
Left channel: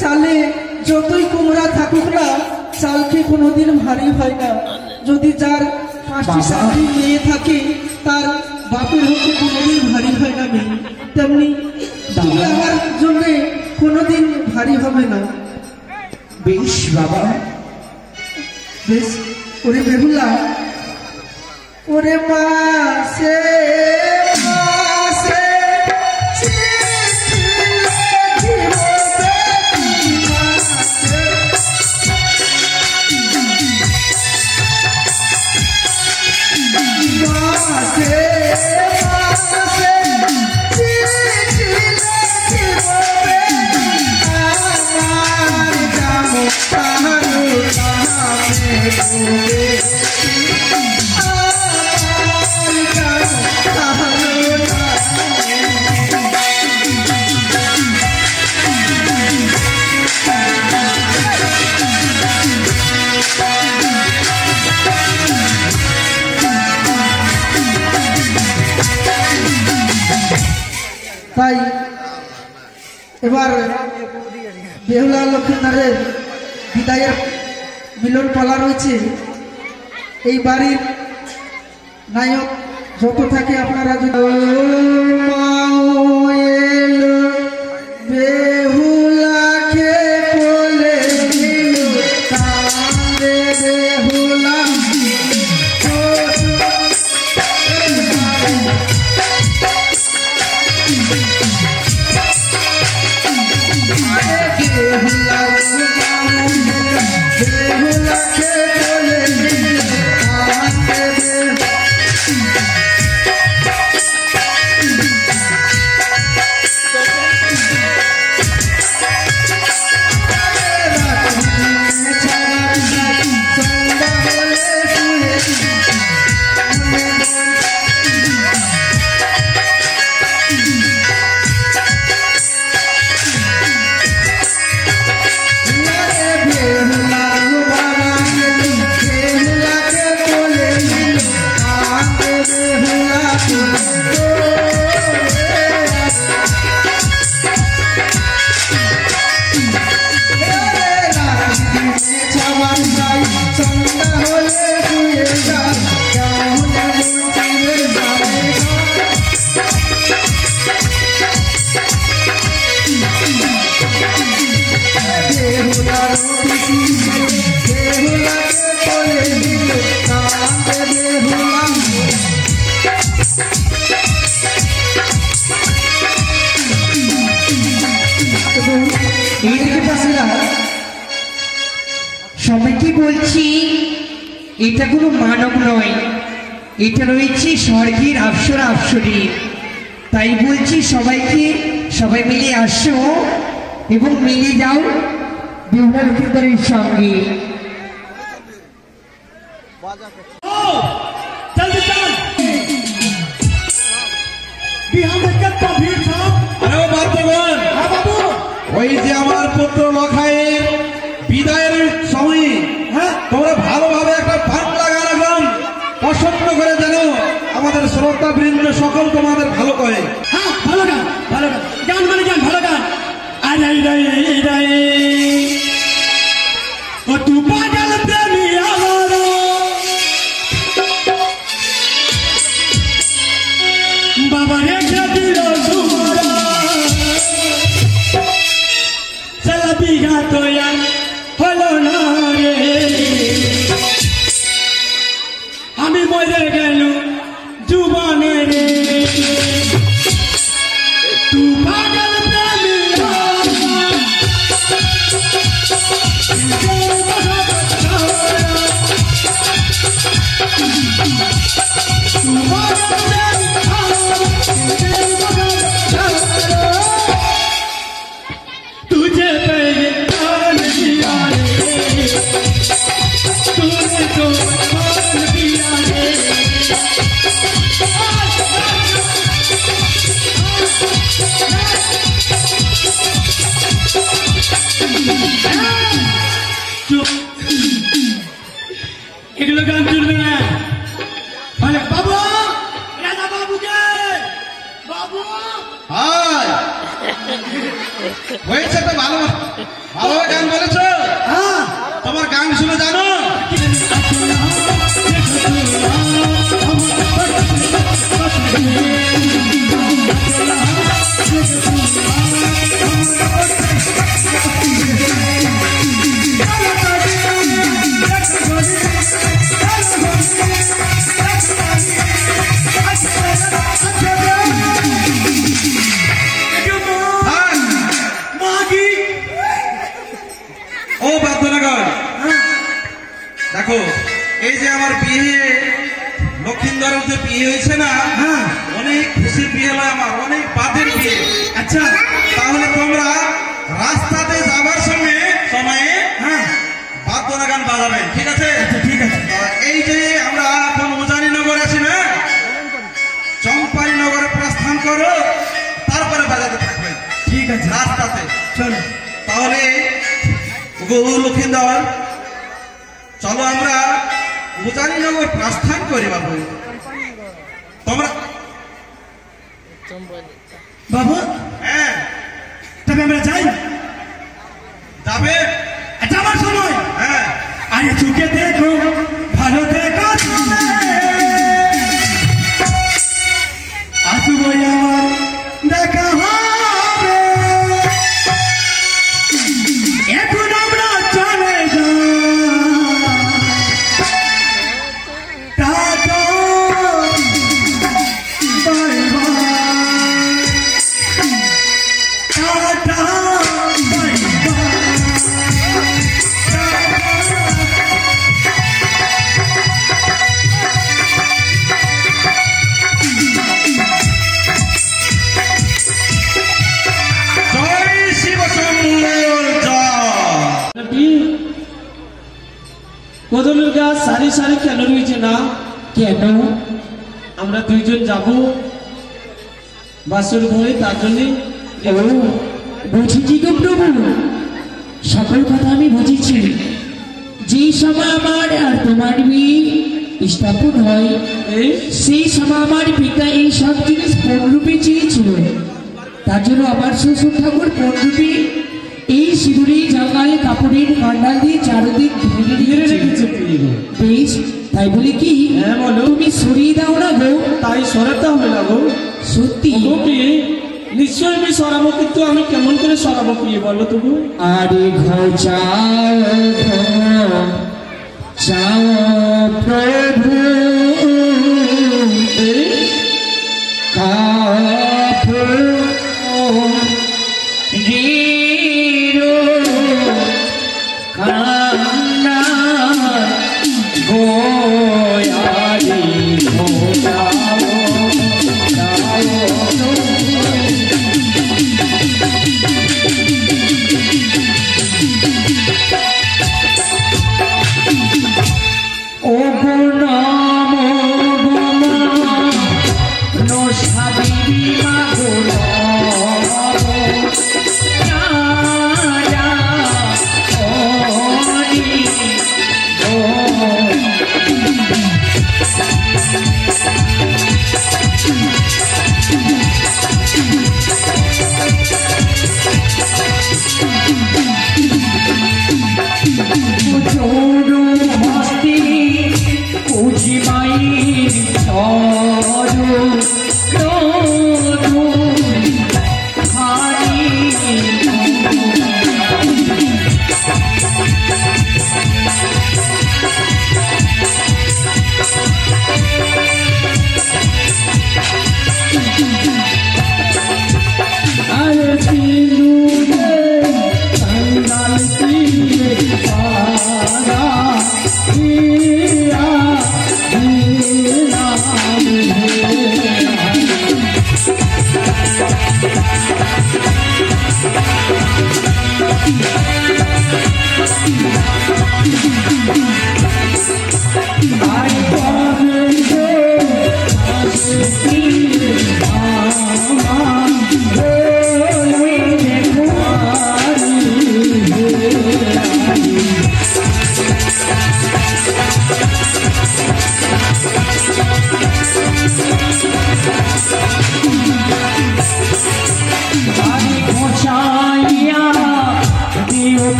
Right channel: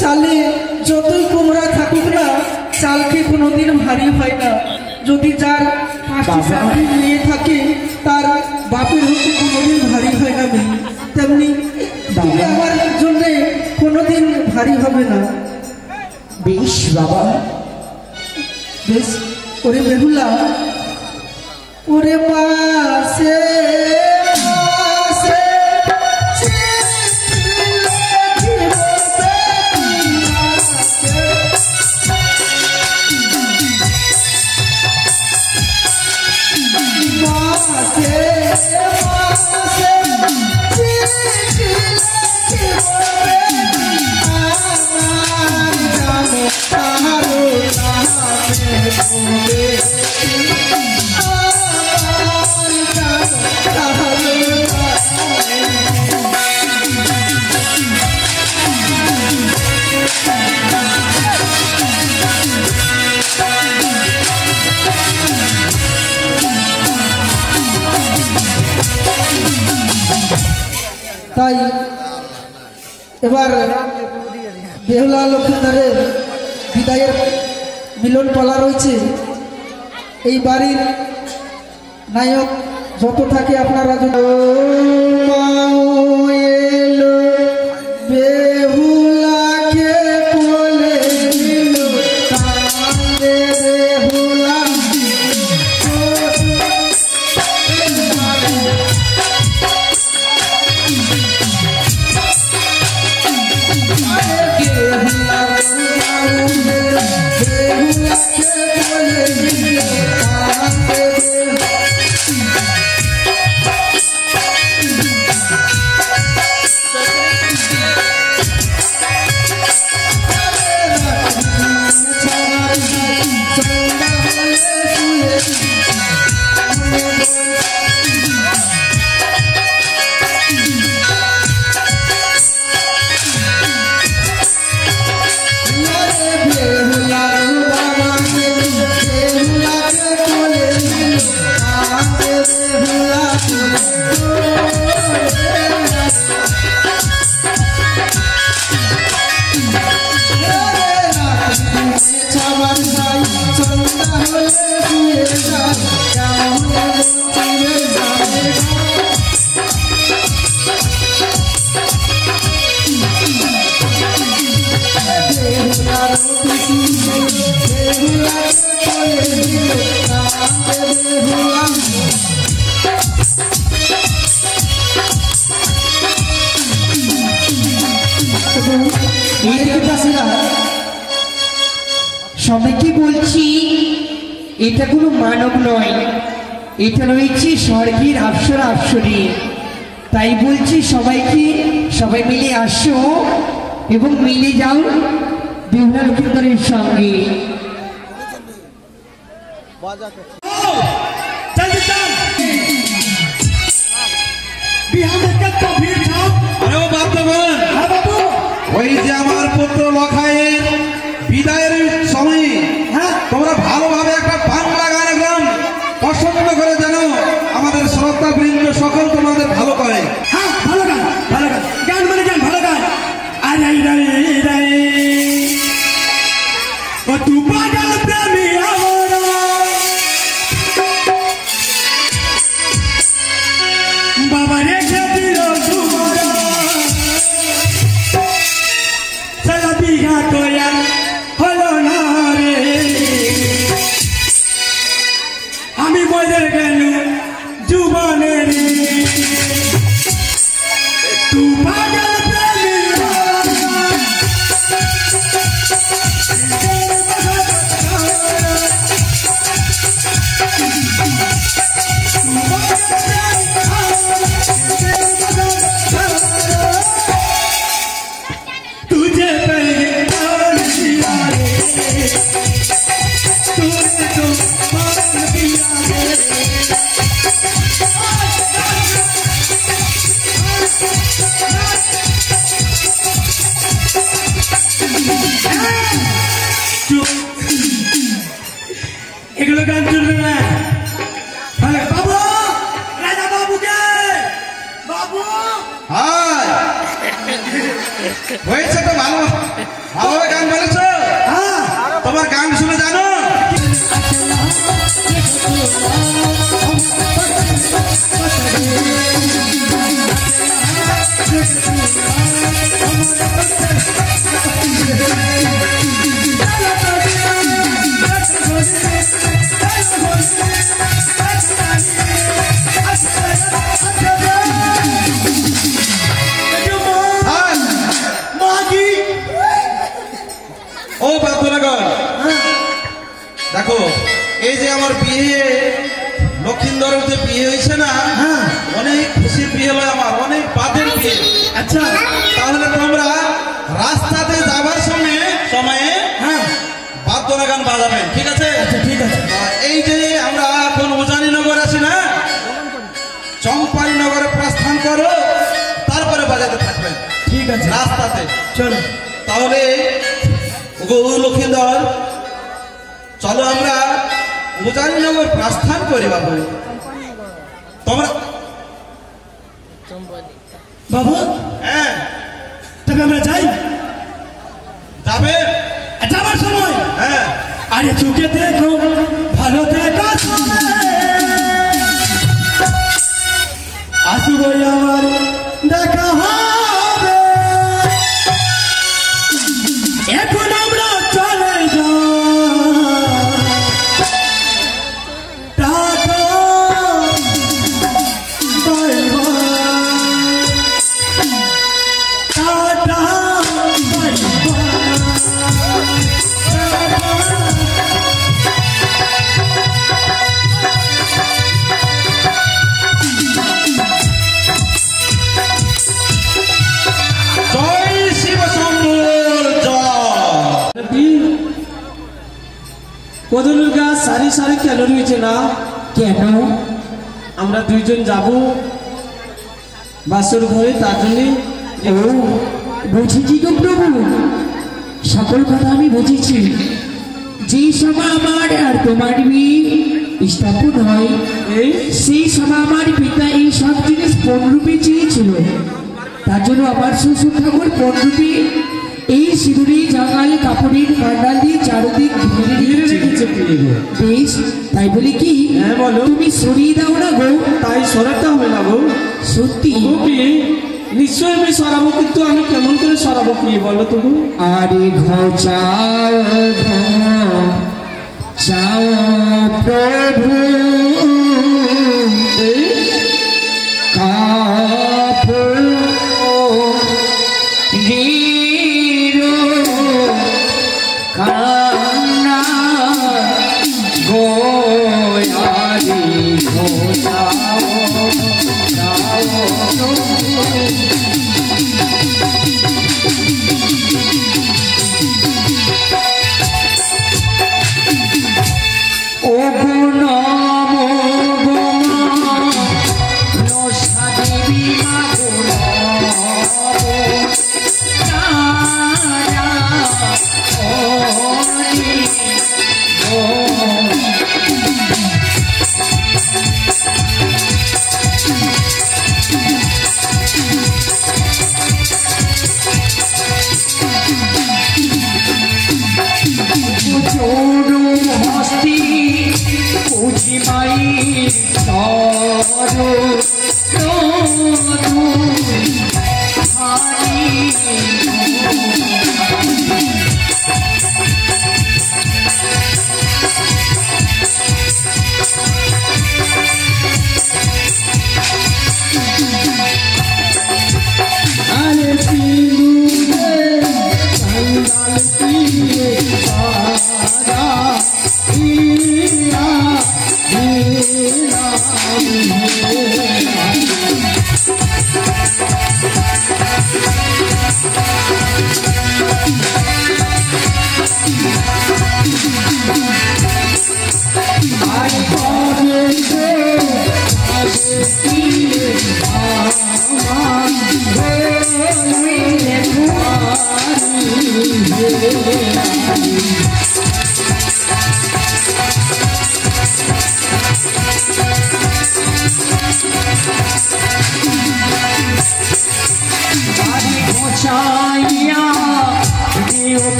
চালে যতই কুমড়া থাকুক না, চালকে কোনোদিন ভারী হয় না। যদি যার 5টি 7টি মেয়ে থাকে, তার বাপের হতে কোনোদিন ভারী হয় না মেয়ে, তেমনি তুমি আমার জন্য কোনোদিন ভারী হবে না। বেশ বাবা, বেশ। ওরে বেহুলা, ওরে মাসে এবার বেহুলা লক্ষ্মীদারের বিদায়ের মিলন পালা রয়েছে। এই বাড়ির নায়ক যত থাকে আপনারা বেহুলাকে কোলে নিল তারে বেহুলা সবাইকে বলছি এটা কোনো মানব নয়, এটা রয়েছে স্বর্গের অপ্সরা অপ্সরী। তাই বলছি সবাইকে, সবাই মিলে আসো এবং মিলে যাও বেহুলা লক্ষ্মীদারের সঙ্গে। ওই যে আমার পুত্র লখাইয়ের বিদায়ের সময় তোমরা ভালোভাবে একটা বাংলা গান গান পছন্দ করে যেন আমাদের শ্রদ্ধা বৃন্দ সকল তোমাদের ভালো করে। হ্যাঁ, ভালো গান, ভালো গান, গান মানে গান, ভালো গান। আরে ও তু পাগল প্রেমী আমার বাবা রেখে দিল সারা বিঘা তো হলো না রে, আমি মরে গেল জীবনের তু পাগল প্রেমী तुझे पहचान दिया रे, तूने तो मान दिया रे। এগুলো গান চলবে না। বাবু, রাজা বাবুকে বাবু হয়েছে তো ভালো ভালো গান বলেছ। তোমার গান শুনে জানো ও বাদ্যনগর, দেখো এই যে আমার বিয়ে লক্ষিন্দরের যে বিয়ে হয়েছে না, অনেক খুশির বিয়ে হয় আমার, অনেক বাদের বিয়ে। আচ্ছা, তাহলে তোমরা রাস্তাতে যাবার সময়ে বাদ্যনা গান বাজাবেন, ঠিক আছে? আচ্ছা ঠিক আছে। এই যে আমরা এখন উজানি নগর আছি না, চম্পাই নগরে প্রস্থান করো, তারপরে বাজাতে থাকবেন, ঠিক আছে রাস্তাতে। চলো তাহলে লক্ষিন্দর চলো আমরা উজানিনগর প্রস্থান করি বাবু। তোমরা বাবু, হ্যাঁ তবে আমরা যাই যাবে যাবার সময় হ্যাঁ আরে চোখে দেখো ভালো দেখো আসবো আমার দেখা হবে এখন আমরা চলে কদলের গাছ সারি সারি কেন রয়েছে না? কেন? আমরা দুইজন যাব বাসর ঘরে, তার জন্যই। বুঝেছি গো প্রভু, সকল কথা আমি বুঝেছি। যে সময় আমার আর তোমার বিয়ে স্থাপন হয় সেই সময় আমার পিতা এই সব জিনিস পণরূপে চেয়েছিল। তার জন্য আমার শ্বশুর ঠাকুর পণরূপে এই সিঁদুরে জাঙ্গালে কাপড়ের কান্ডাল দিয়ে চারদিক ঘিরে রেখেছে। বেশ, তাই বলি কি তুমি সরিয়ে দাও না গো? তাই সরাতে হবে না গো। সত্যি নিশ্চয়ই আমি সরাবো, কিন্তু আমি কেমন করে সরাবো কি বলো তো? আরে ঘর চাও চাও প্রভু কাপড় কান্না গোয়ারি ঘোষাও ও গো নম গমা নশা দেবী মাগো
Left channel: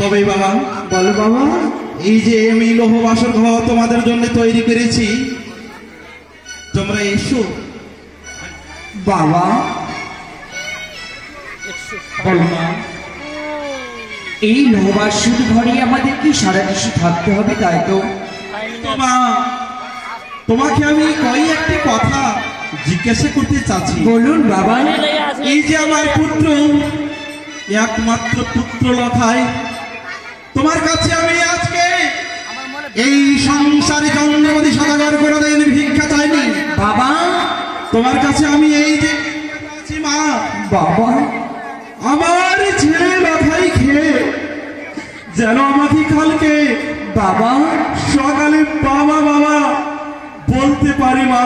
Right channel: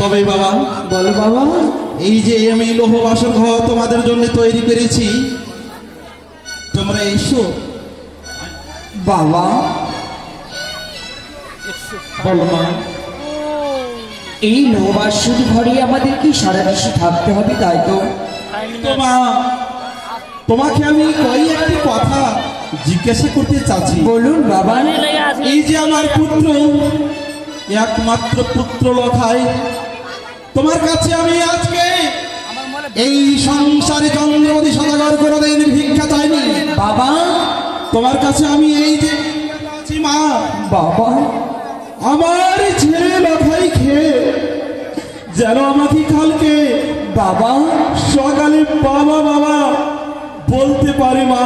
তবে বাবা, বলো বাবা। এই যে আমি লৌহ বাসর ঘর তোমাদের জন্য তৈরি করেছি, তোমরা এসো। বাবা বলো মা, এই লৌহবাসর ঘরে আমাদের কি সারা দেশে থাকতে হবে, তাই তো? মা, তোমাকে আমি একটি কথা জিজ্ঞাসা করতে চাচ্ছি। বলুন বাবা। এই যে আমার পুত্র, একমাত্র পুত্র লখাই, তোমার কাছে আমি আজকে এই সংসারে চন্দ্রমতি সদাগর কোনোদিন ভিক্ষা চাইনি বাবা। তোমার কাছে আমি এই যে আছি মা। বাবা, আমার ছেলে লখাই খেয়ে যেন আমাকে কালকে বাবা সকালে বাবা বাবা বলতে পারি মা,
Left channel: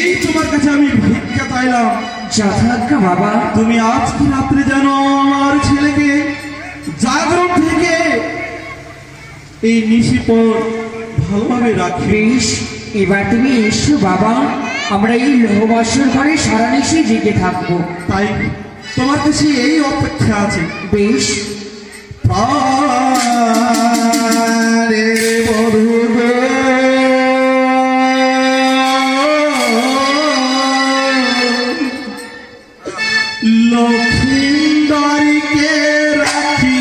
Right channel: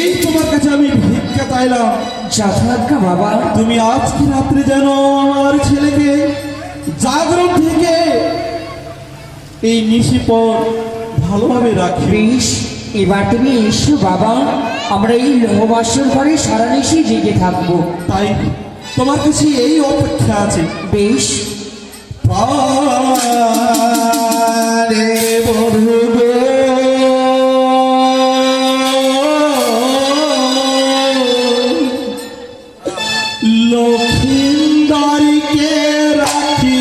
এই তোমার কাছে আমি ভিক্ষা চাইলাম। যথাজ্ঞা বাবা। তুমি আজকে রাত্রে যেন আমার ছেলেকে জাগরণ থেকে এই নিশি পর ভালোভাবে রাখি। বেশ, এবার তুমি এসো বাবা, আমরা এই লৌহবাসর ঘরে সারা নিশি জেগে থাকবো। তাই তোমার কাছে এই অপেক্ষা আছে। বেশ। প্রাণের বধূ গো, লক্ষ্মীন্দরীকে রাখি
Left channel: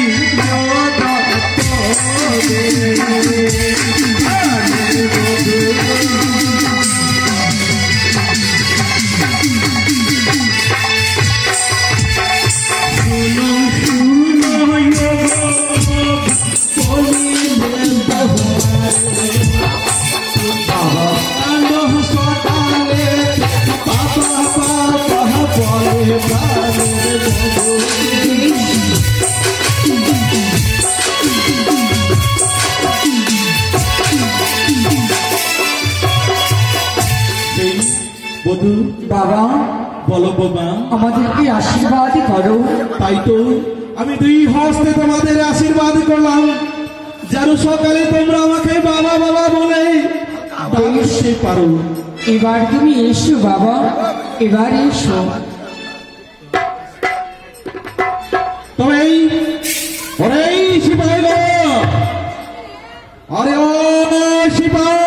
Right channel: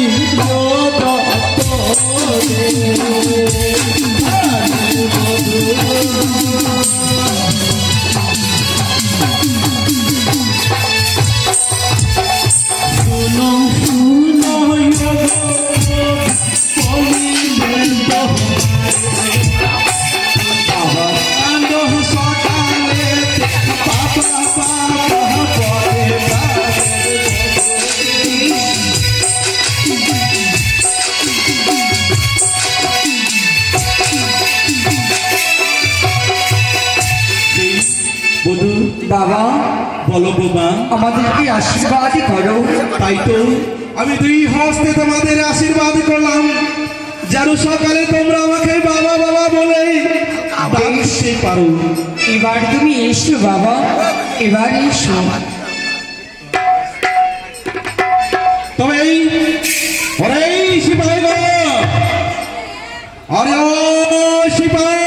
বাবা বলো বাবা, আমাদেরকে আশীর্বাদ করো। তাই তো আমি দুই হস্তে তোমাদের আশীর্বাদ করলাম, যেন সকালে তোমরা আমাকে বাবা বাবা বলে ডাকতে পারো। এবার তুমি এসো বাবা, এবার এসো। তবে ওরে সিপাহী গো, আরে ও সিপাহী,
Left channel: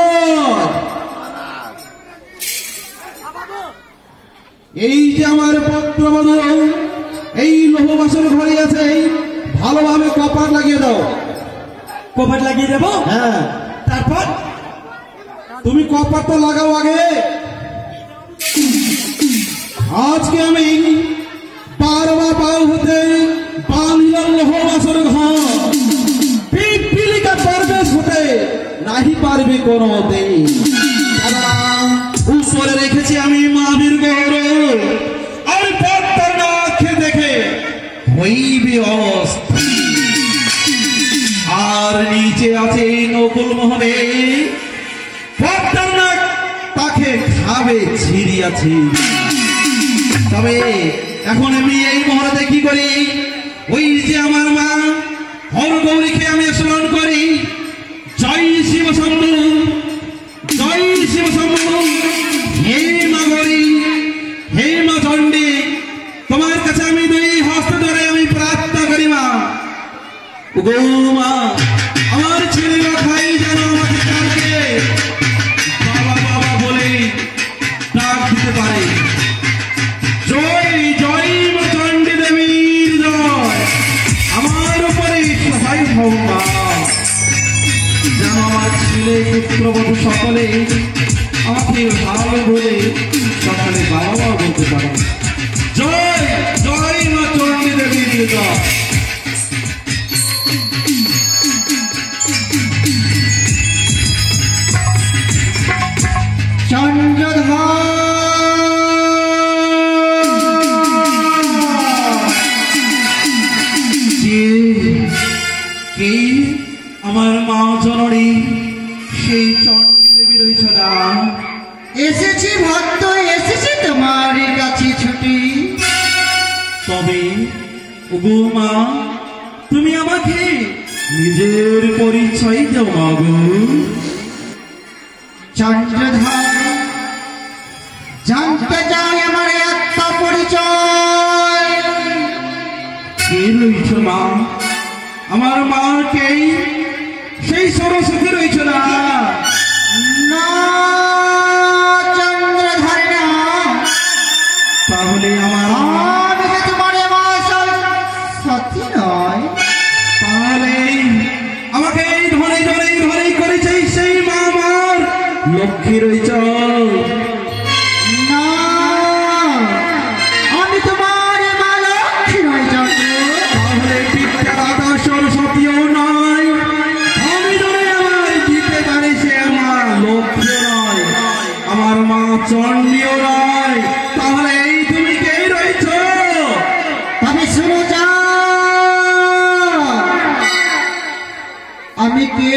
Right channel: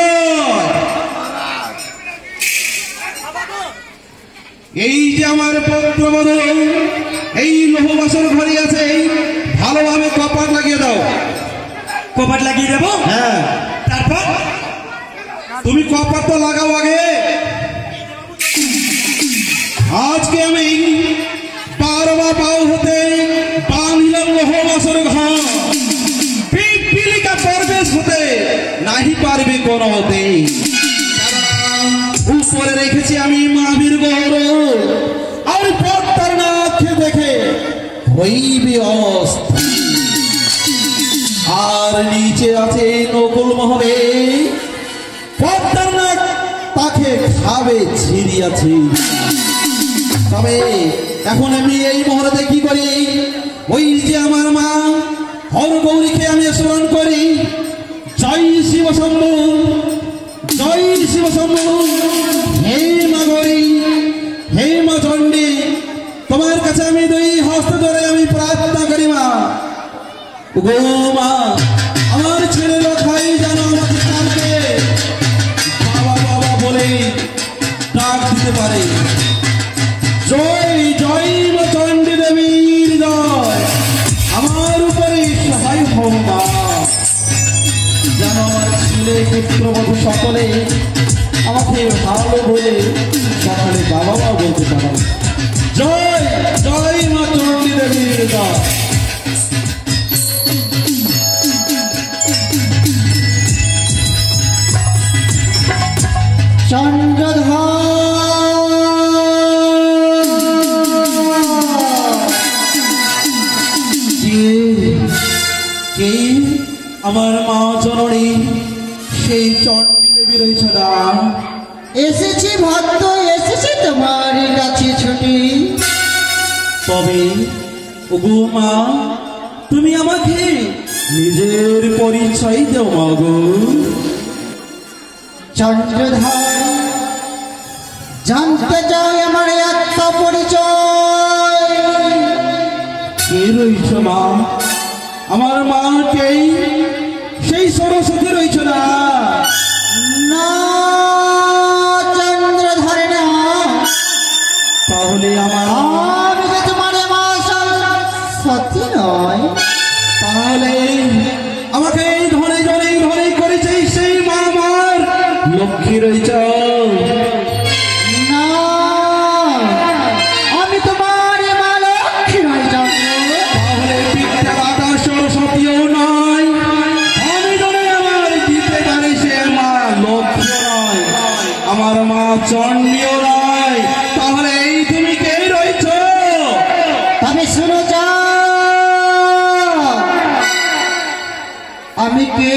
এই যে আমার পুত্রবধূ এই লৌহবাসর ঘরে আছে, ভালোভাবে কপাট লাগিয়ে দাও। কপাট লাগিয়ে দেবো? হ্যাঁ, তারপর তুমি কপাট তো লাগাও আগে। আজকে আমি পারবা পাও হতে বাঁধলাম লৌহবাসর ঘর, পিপিলিকা পারবেশ হতে নাহি পারবে কোন হতে। উপরে রেখেছি আমি মাভির গৌরব, আর পর্দার নাকে দেখে হইবে অস্থির। আর নিচে আছে নকুল মহলে, পর্দার নাক তাকে খাবে ছিড়িয়াছি। তবে এখন আমি এই মহলে কি করি, ওই যে আমার মা হরগৌরীকে আমি স্মরণ করি। জয় শিব শম্ভু, জয় শিব শম্ভু। হে মা গৌরী, হে মা চণ্ডী, তোমার কাছে আমি দুই হস্ত ধরে আমি প্রার্থনা করি মা। গো মা, আমার ছেলে লখাই যেন আমাকে কালকে বাবা বাবা বলে ডাক দিতে পারে। জয় জয় মা চণ্ডী দেবীর জয়, আমার উপরে সহায় হও মা, যেন আমার ছেলে পুত্রবধূ সকলে আমাকে ভালো বলে সকালে বাবা মা বলতে পারে। জয় জয় মা চণ্ডী দেবীর জয়। আমার মা জননী সেই চণ্ডী দেবী রয়েছ না। এসেছি ভক্ত, এসেছি তোমার কাছে ছুটি। তবে ওগো মা, তুমি আমাকে নিজের পরিচয় দাও মা গো। চন্দ্রধর, জানতে চাই আমার একটা পরিচয়। কে রয়েছ মা? আমার মা কে? সেই সরস্বতী রয়েছ না? না চন্দ্রধর না। তাহলে আমার যে তোমার মা সত্যি নয়। তাহলে আমাকে ধরে ধরে ধরে করেছে সেই মা আমার লক্ষ্মী রয়েছ। না, আমি তোমার মা লক্ষ্মী নয়। তাহলে পিঠা দাদা সরস্বতীও নয়। আমি ধরে আমার দিতে পারি সে মা লক্ষ্মী নয়, আমার মা চণ্ডীও নয়। তাহলে এই তুমি কে রয়েছ? তবে শুনো যা, আমি কে?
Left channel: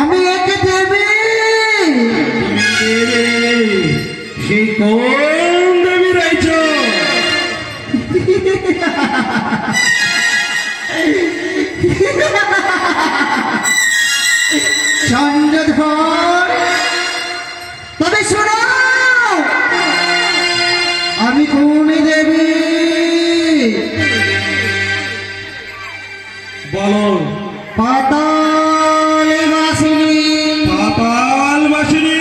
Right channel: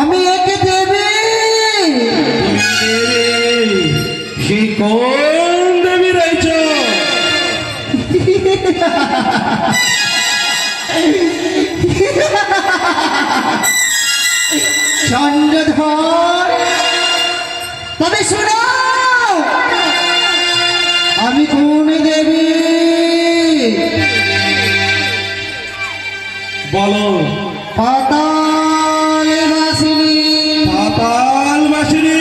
আমি একে দেবী। সেই কোন দেবী রয়েছ? চন্দ্রধর, তবে শোনো আমি কোন দেবী। বলো। পাতাল বাসিনী। পাতাল বাসিনী।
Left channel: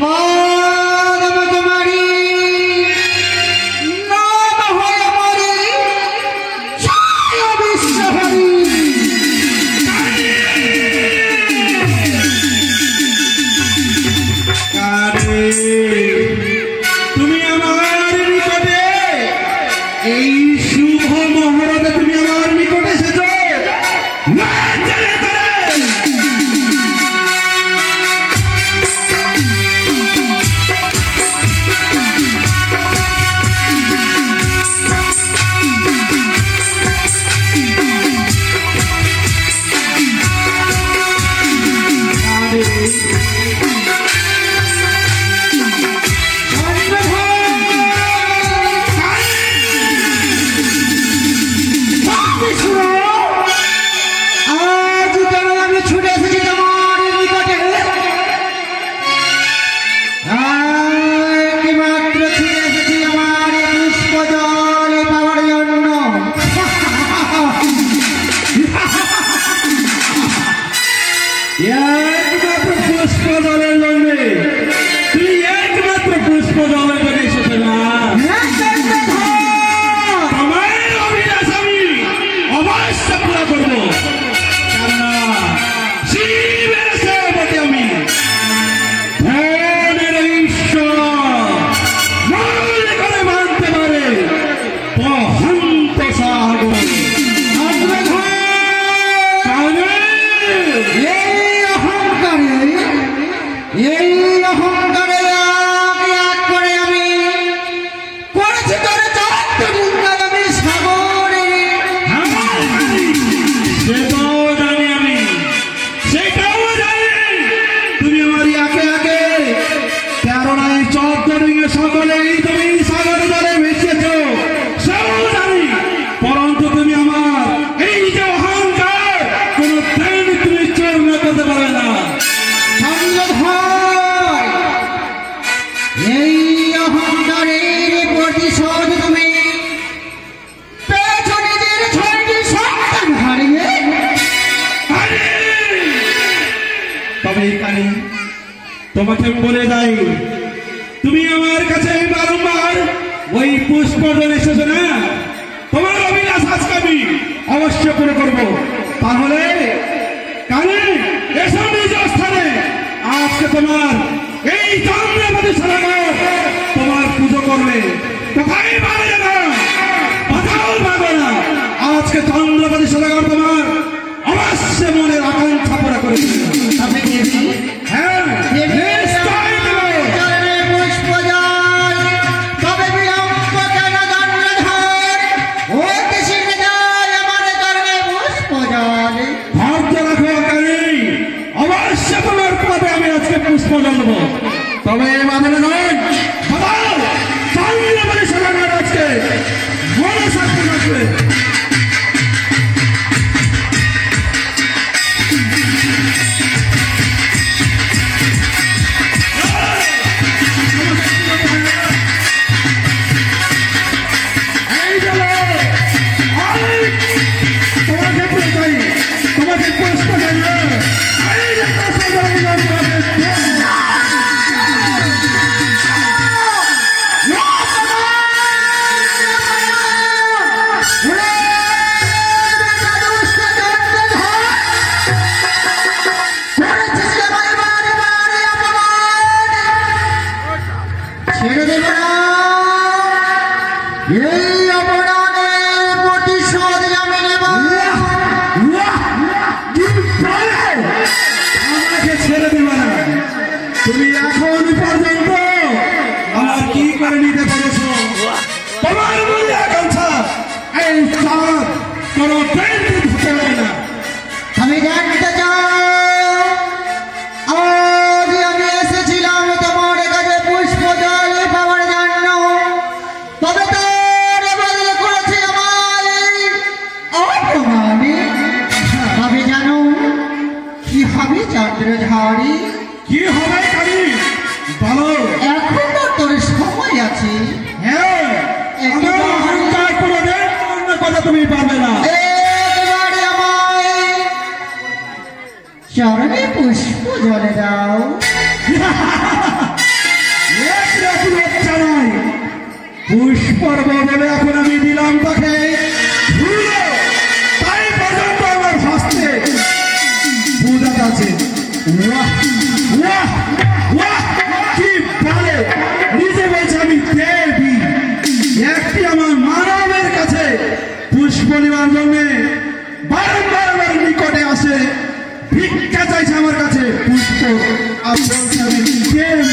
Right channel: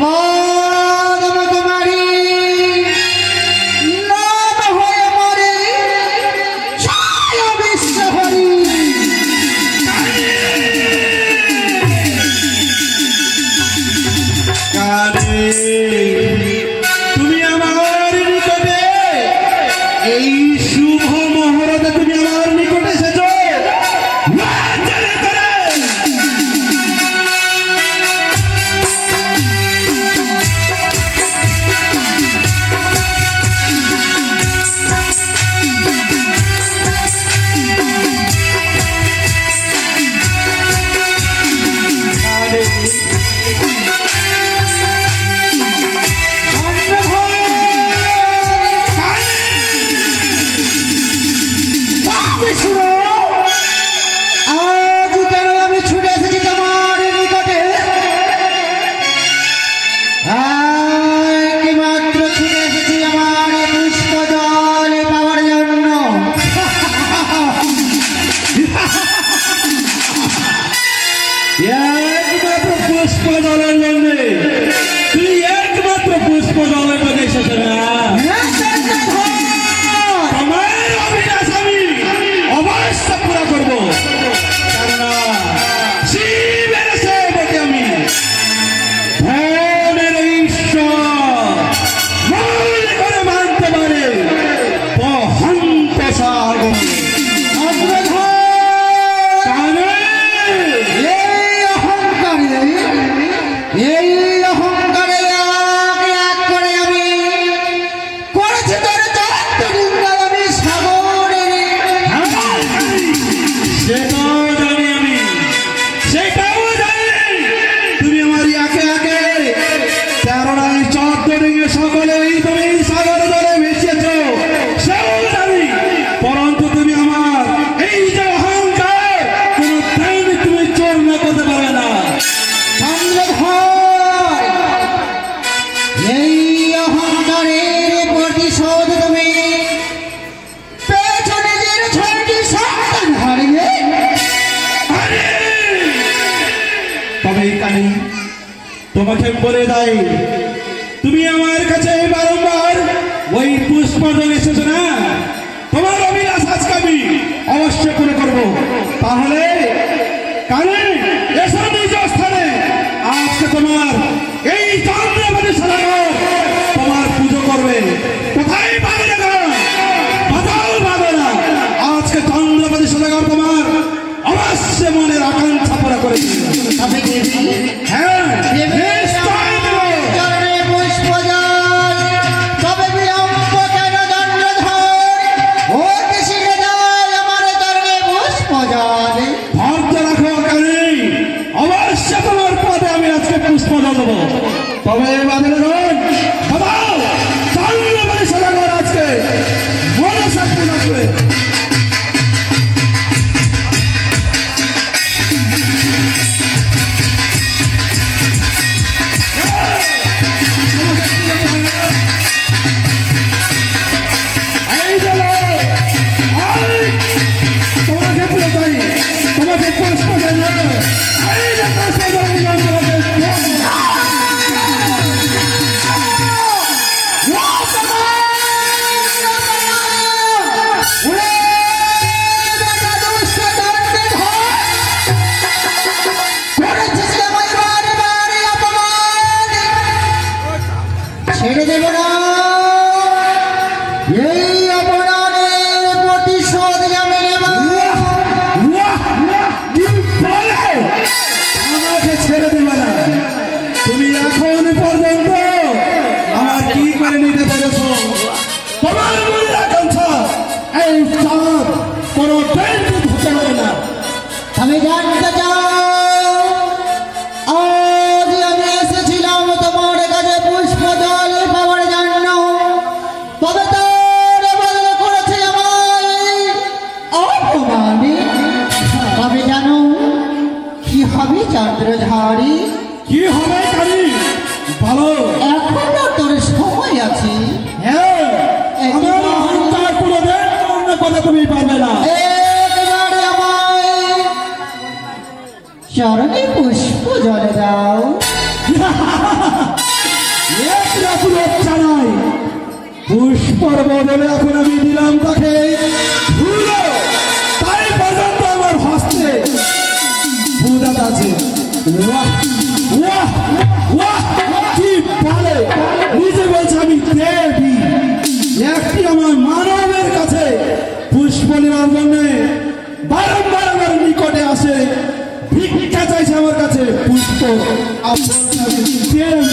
পদ্ম কুমারী। নাম হয় মরে ছায়া বিশ্বহরি। তুমি আমার নিকটে এই শুভ মুহূর্তে তুমি আমার নিকটে এসেছ। আজ কেন আমি ছুটে এসেছি তোমার নিকটে? একমাত্র ছুটে এসেছি আমার পুষ্প জল পাওয়ার জন্য। একমাত্র পুষ্প জলের জন্য? তুমি একমাত্র পুষ্প জলের জন্য এসেছ না? আমার অভিলাষ আমি অবশ্যই পুরা করবো, কেননা শিবের সেবকে আমি, ধনের ঈশ্বর মূল করে মানতে পারে বহন্ত সাগর। এই অহংকারে এক করে আমি করেছি তোর আমি সাগরে। সেটাও জানি আমি, সেটাও জানি তুমি আমার একে একে 13 নয় 14 ডিঙে সকলেই তুমি সাগর জলে ভেসেছ, সেও জানি। পরন্তু তুমি আমার এই যে অহংকার কোন দিন তুমি চূর্ণ করতে পারবে না। চন্দ্রধর, এই অহংকারের প্রতিশোধ তুমি পেয়েছ নিজের 6টি সন্তান হারিয়ে। তবে কানি তোমাকে বলে যাই, তুমি আমার কাছে বারংবার ওই পুষ্প জল এসেছ না? তোমার অভিলাষ আজকে আমি অবশ্য করে করবো। তাহলে কানে চন্দ্রধারী, কি হবে কালী বলো। এখনো তোর সময় আছে। হ্যাঁ, আমার অহংকার করে দেন, অন্য কথা তুমি পারবে না। এবারে আমায় চরণে পুষ্প জলে দাও। পুষ্পর বদলে এখন আমি দিলাম তাকে ধুলো। তাই পর্যন্ত আমার হস্তে পূজাত আছে। বাহ, বাহ, বাহ, কি ভালো। নিজে বলছে আমি দেবী, একটি আমার মানবের কাছে পুষ্প নেওয়ার জন্য বারংবার আমার নিকটে আসে, ভিক্ষা চাইছে আমার কাছে পুষ্প। আর বলছে আমি দেবী।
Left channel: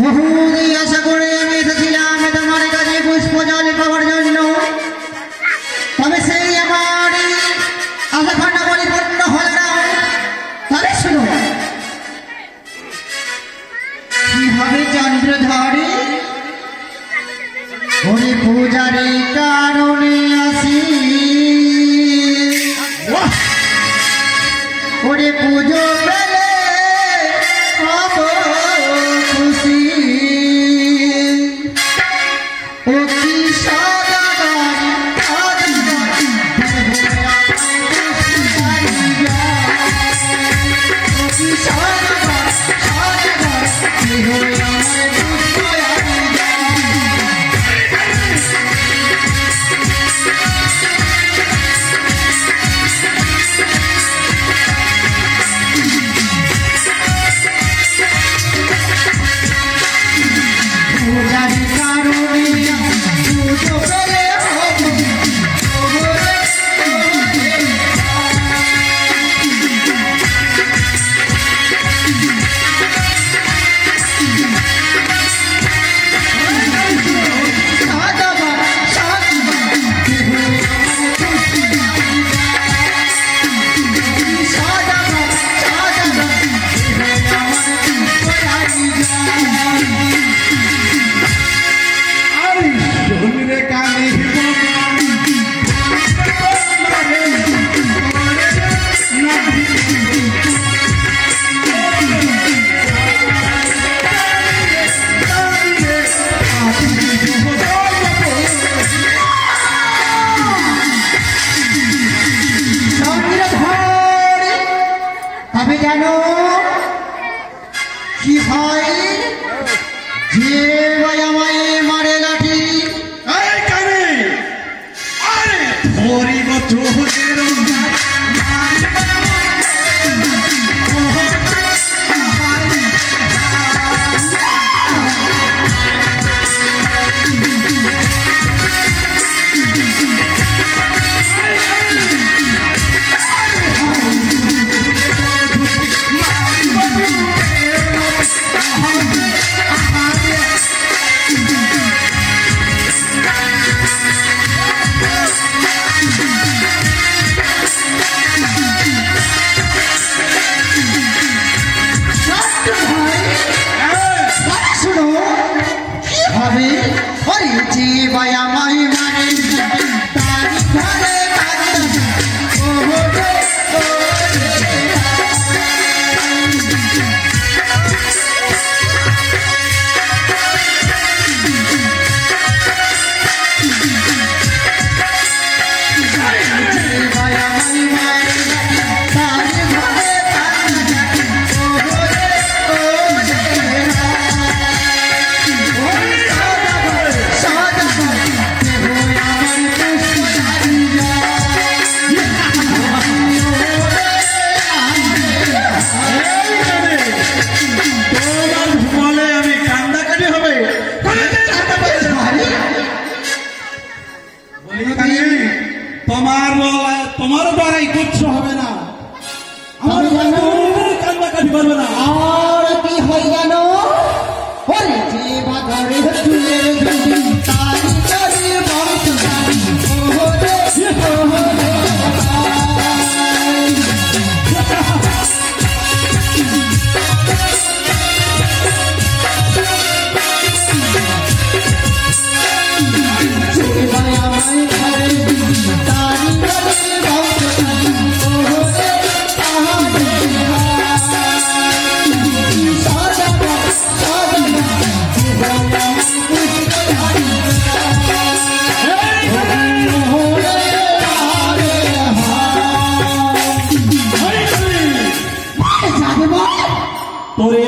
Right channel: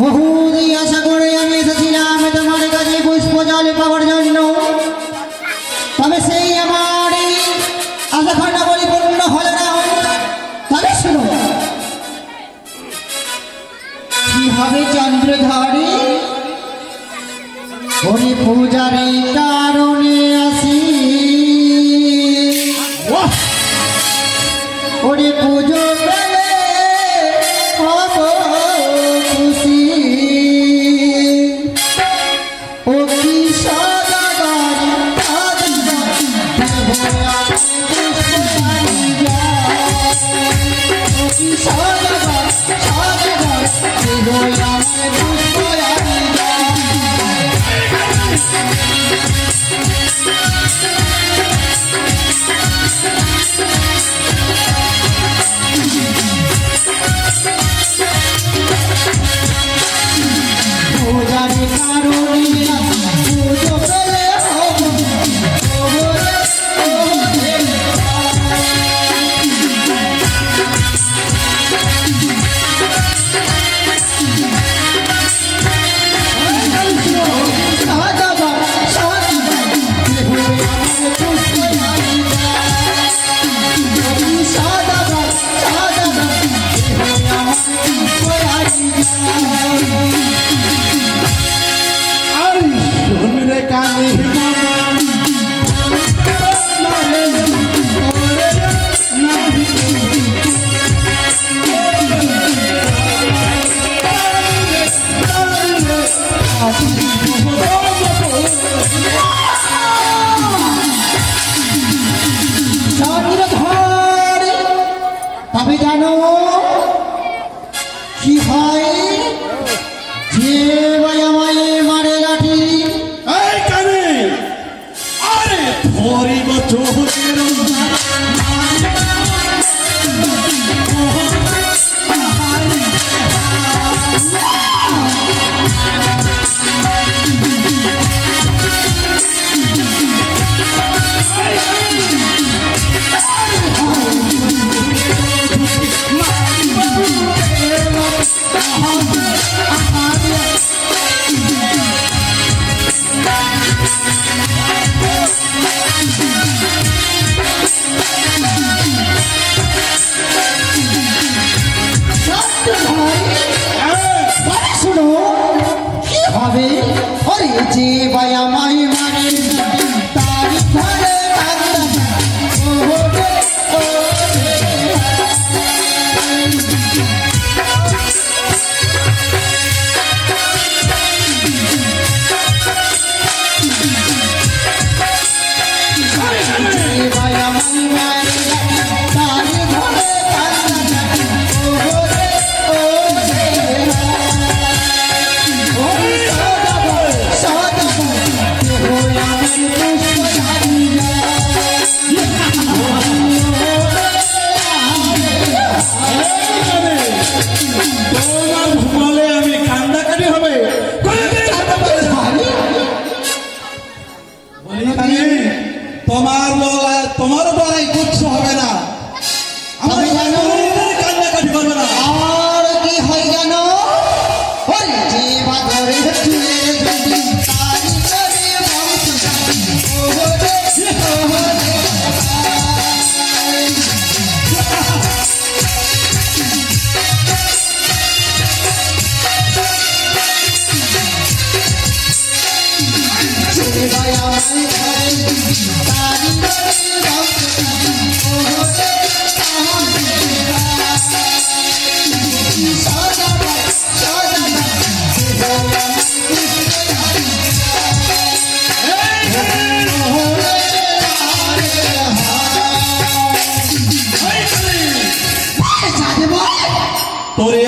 বহুদিন আশা করে আমি এসেছিলাম তোমার কাছে পুষ্প জল পাওয়ার জন্য, তবে সেই আমার আশাখানা পরিপূর্ণ হল না। তবে শুনো, কি হবে চন্দ্রধারী? ওই পূজারে কারণে আসি, ওরে পুজো পেলে হব খুশি। ও কি সদাগর সদাগর, ও কি সদাগর সদাগর, আমার পুষ্প তবে জানো কি হয় যে আমায় মারে লাঠি? আরে ধরিব চোখের শুনো কি হবে? ওরে যে আমায় মারে তার ঘরে তোমার বড়াই করতে হবে না, আমার কান্নাকাটি করবে না। আর কি হয় জানো? ওরে যে বাদরে চুলের ধুতি তারি তারি বংশ ওহরে ওহরে যে ভাই আমায় ঘরে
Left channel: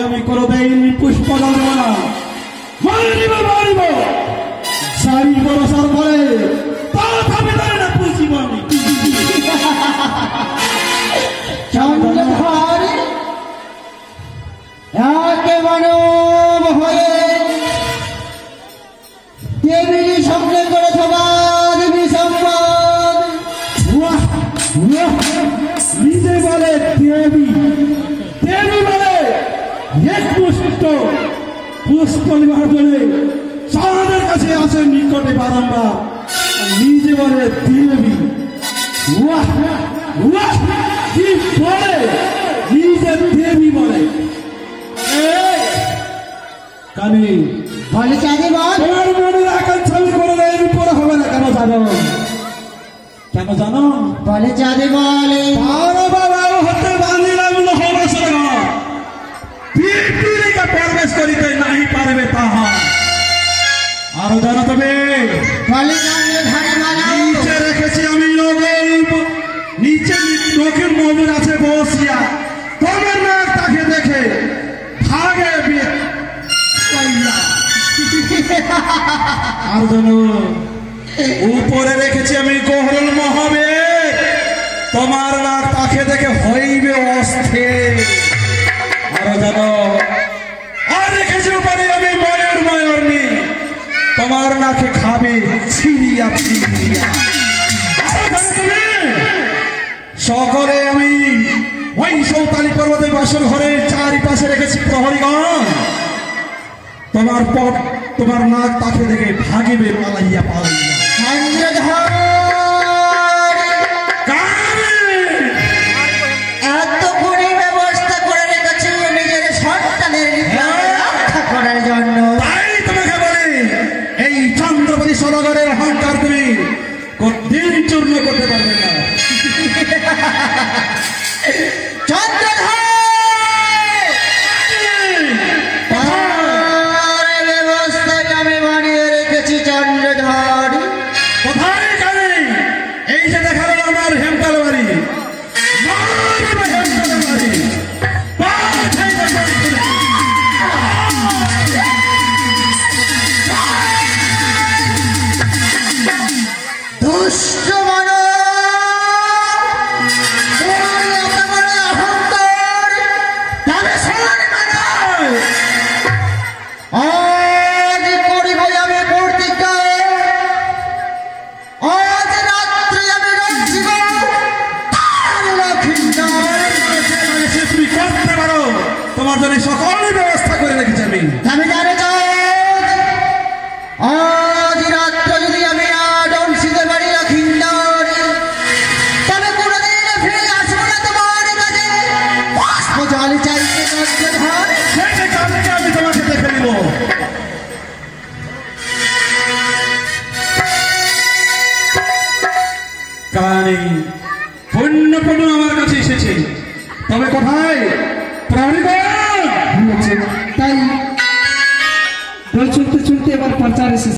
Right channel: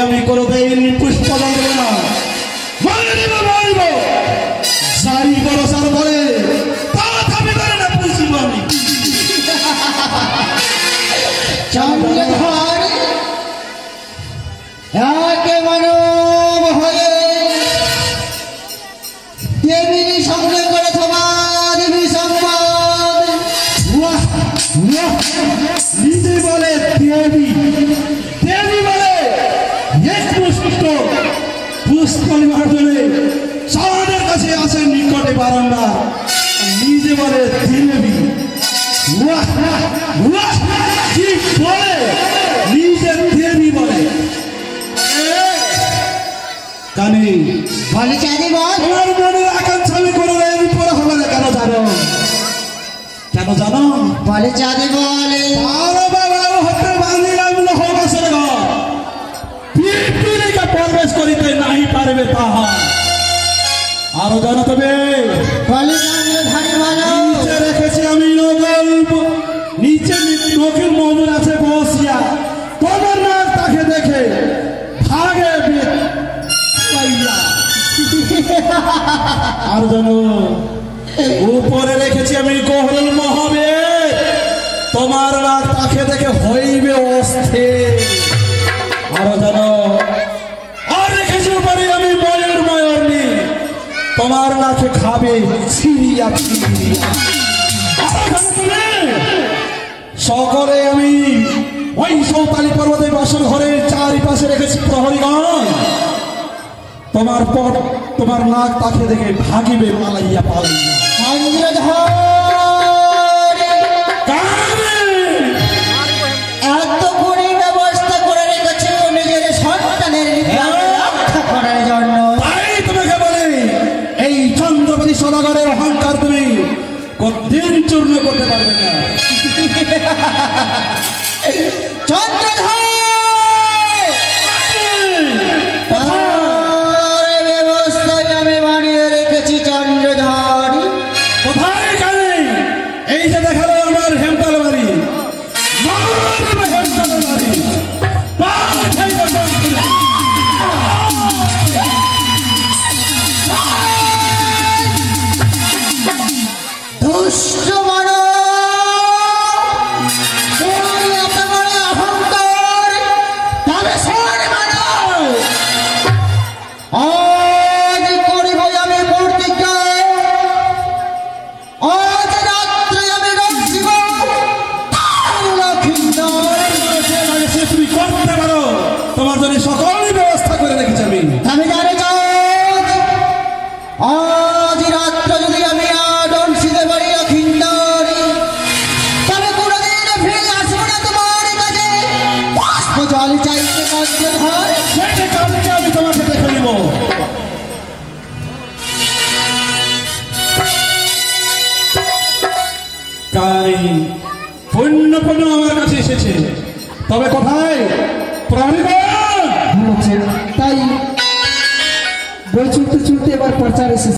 আমি কোনোদিন পুষ্প জল দেব না। মারিব মারিব সারি বরসার পরে তথাপি করে না পুষিব আমি। চন্দ্রধর একে মনোব হয়ে দেবীর সঙ্গে করে তোমার দেবী সম্পদ। নিজে বলে দেবী, দেবী বলে এক পুষ্প পুষ্প নিবার জন্য সাদের কাছে আসে নিকটে বারংবার, নিজে বলে দেবী। কি বলে নিজে দেবী বলে। কানে বলে চাঁদি বল তোমার মনে আকাঙ্ক্ষা আমি করে দেয় পরে হবে না। কেন জানো? কেন জানো? বলে চাঁদি বলে বারো বারো হতে বাঁধিলাম নহবাসের ঘর, পৃথিবীকে প্রবেশ করিতে নাই পারবে তাহা। আরো জানো তবে বলে চন্দ্রধর বলো নিচে রেখেছি আমি নগর, নিচে নখের মজুর আছে বসিয়া, তবে না তাকে দেখে ভাগে আর জানো উপরে রেখেছি আমি গহরল মহাবে, তোমার নাক তাকে দেখে হইবে অস্থির। আরো জানো আর রেখেছি উপরে আমি ময়ূর ময়ূরনি, তোমার নাকে খাবে ছিড়িয়া ছিড়িয়া। সকলে আমি ওই সৌতালি পর্বতের বাসর ঘরের চারিপাশে রেখেছি প্রহরীগণ, তোমার পথ তোমার নাক তাকে দেখে ভাগিবে পালাইয়া পালাইয়া। এত করে ব্যবস্থা করে রেখেছে নিজের সন্তানের রক্ষা করার জন্য। তাই তোমাকে বলে এই চন্দ্রপতি সদাগরের অহংকার তুমি দিন চূর্ণ করতে পারবে না। চন্দ্রধর ব্যবস্থাকে আমি বানিয়ে রেখেছি। চন্দ্রধর কোথায় জানি এই যে দেখালো আমার হেমতাল বাড়ি, হেমতাল বাড়ি দুষ্ট মানব, তুমি এত বড় অহংকার, তবে শোন মানব, আজ করিব আমি প্রতিজ্ঞা, আজ রাত্রে আমি রক্ষিব সে তুমি করতে পারো, তোমার জন্য সকল ব্যবস্থা করে রেখেছি আমি। আমি জানি আজ রাত্রে যদি আমি ডমসিদের বাড়ি লক্ষিন্দারি, তবে কোনোদিন ফিরে আসবো না তোমার কাছে। পুষ্প জল চাইতে চন্দ্রধর সেটা কালকে আমি তোমাকে দেখে নিব। কাই পণ্য পণ্য আমার কাছে এসেছে, তবে কোথায় প্রহরীগণ? তাই বল চলতে চলতে এবার প্রচার এসেছে।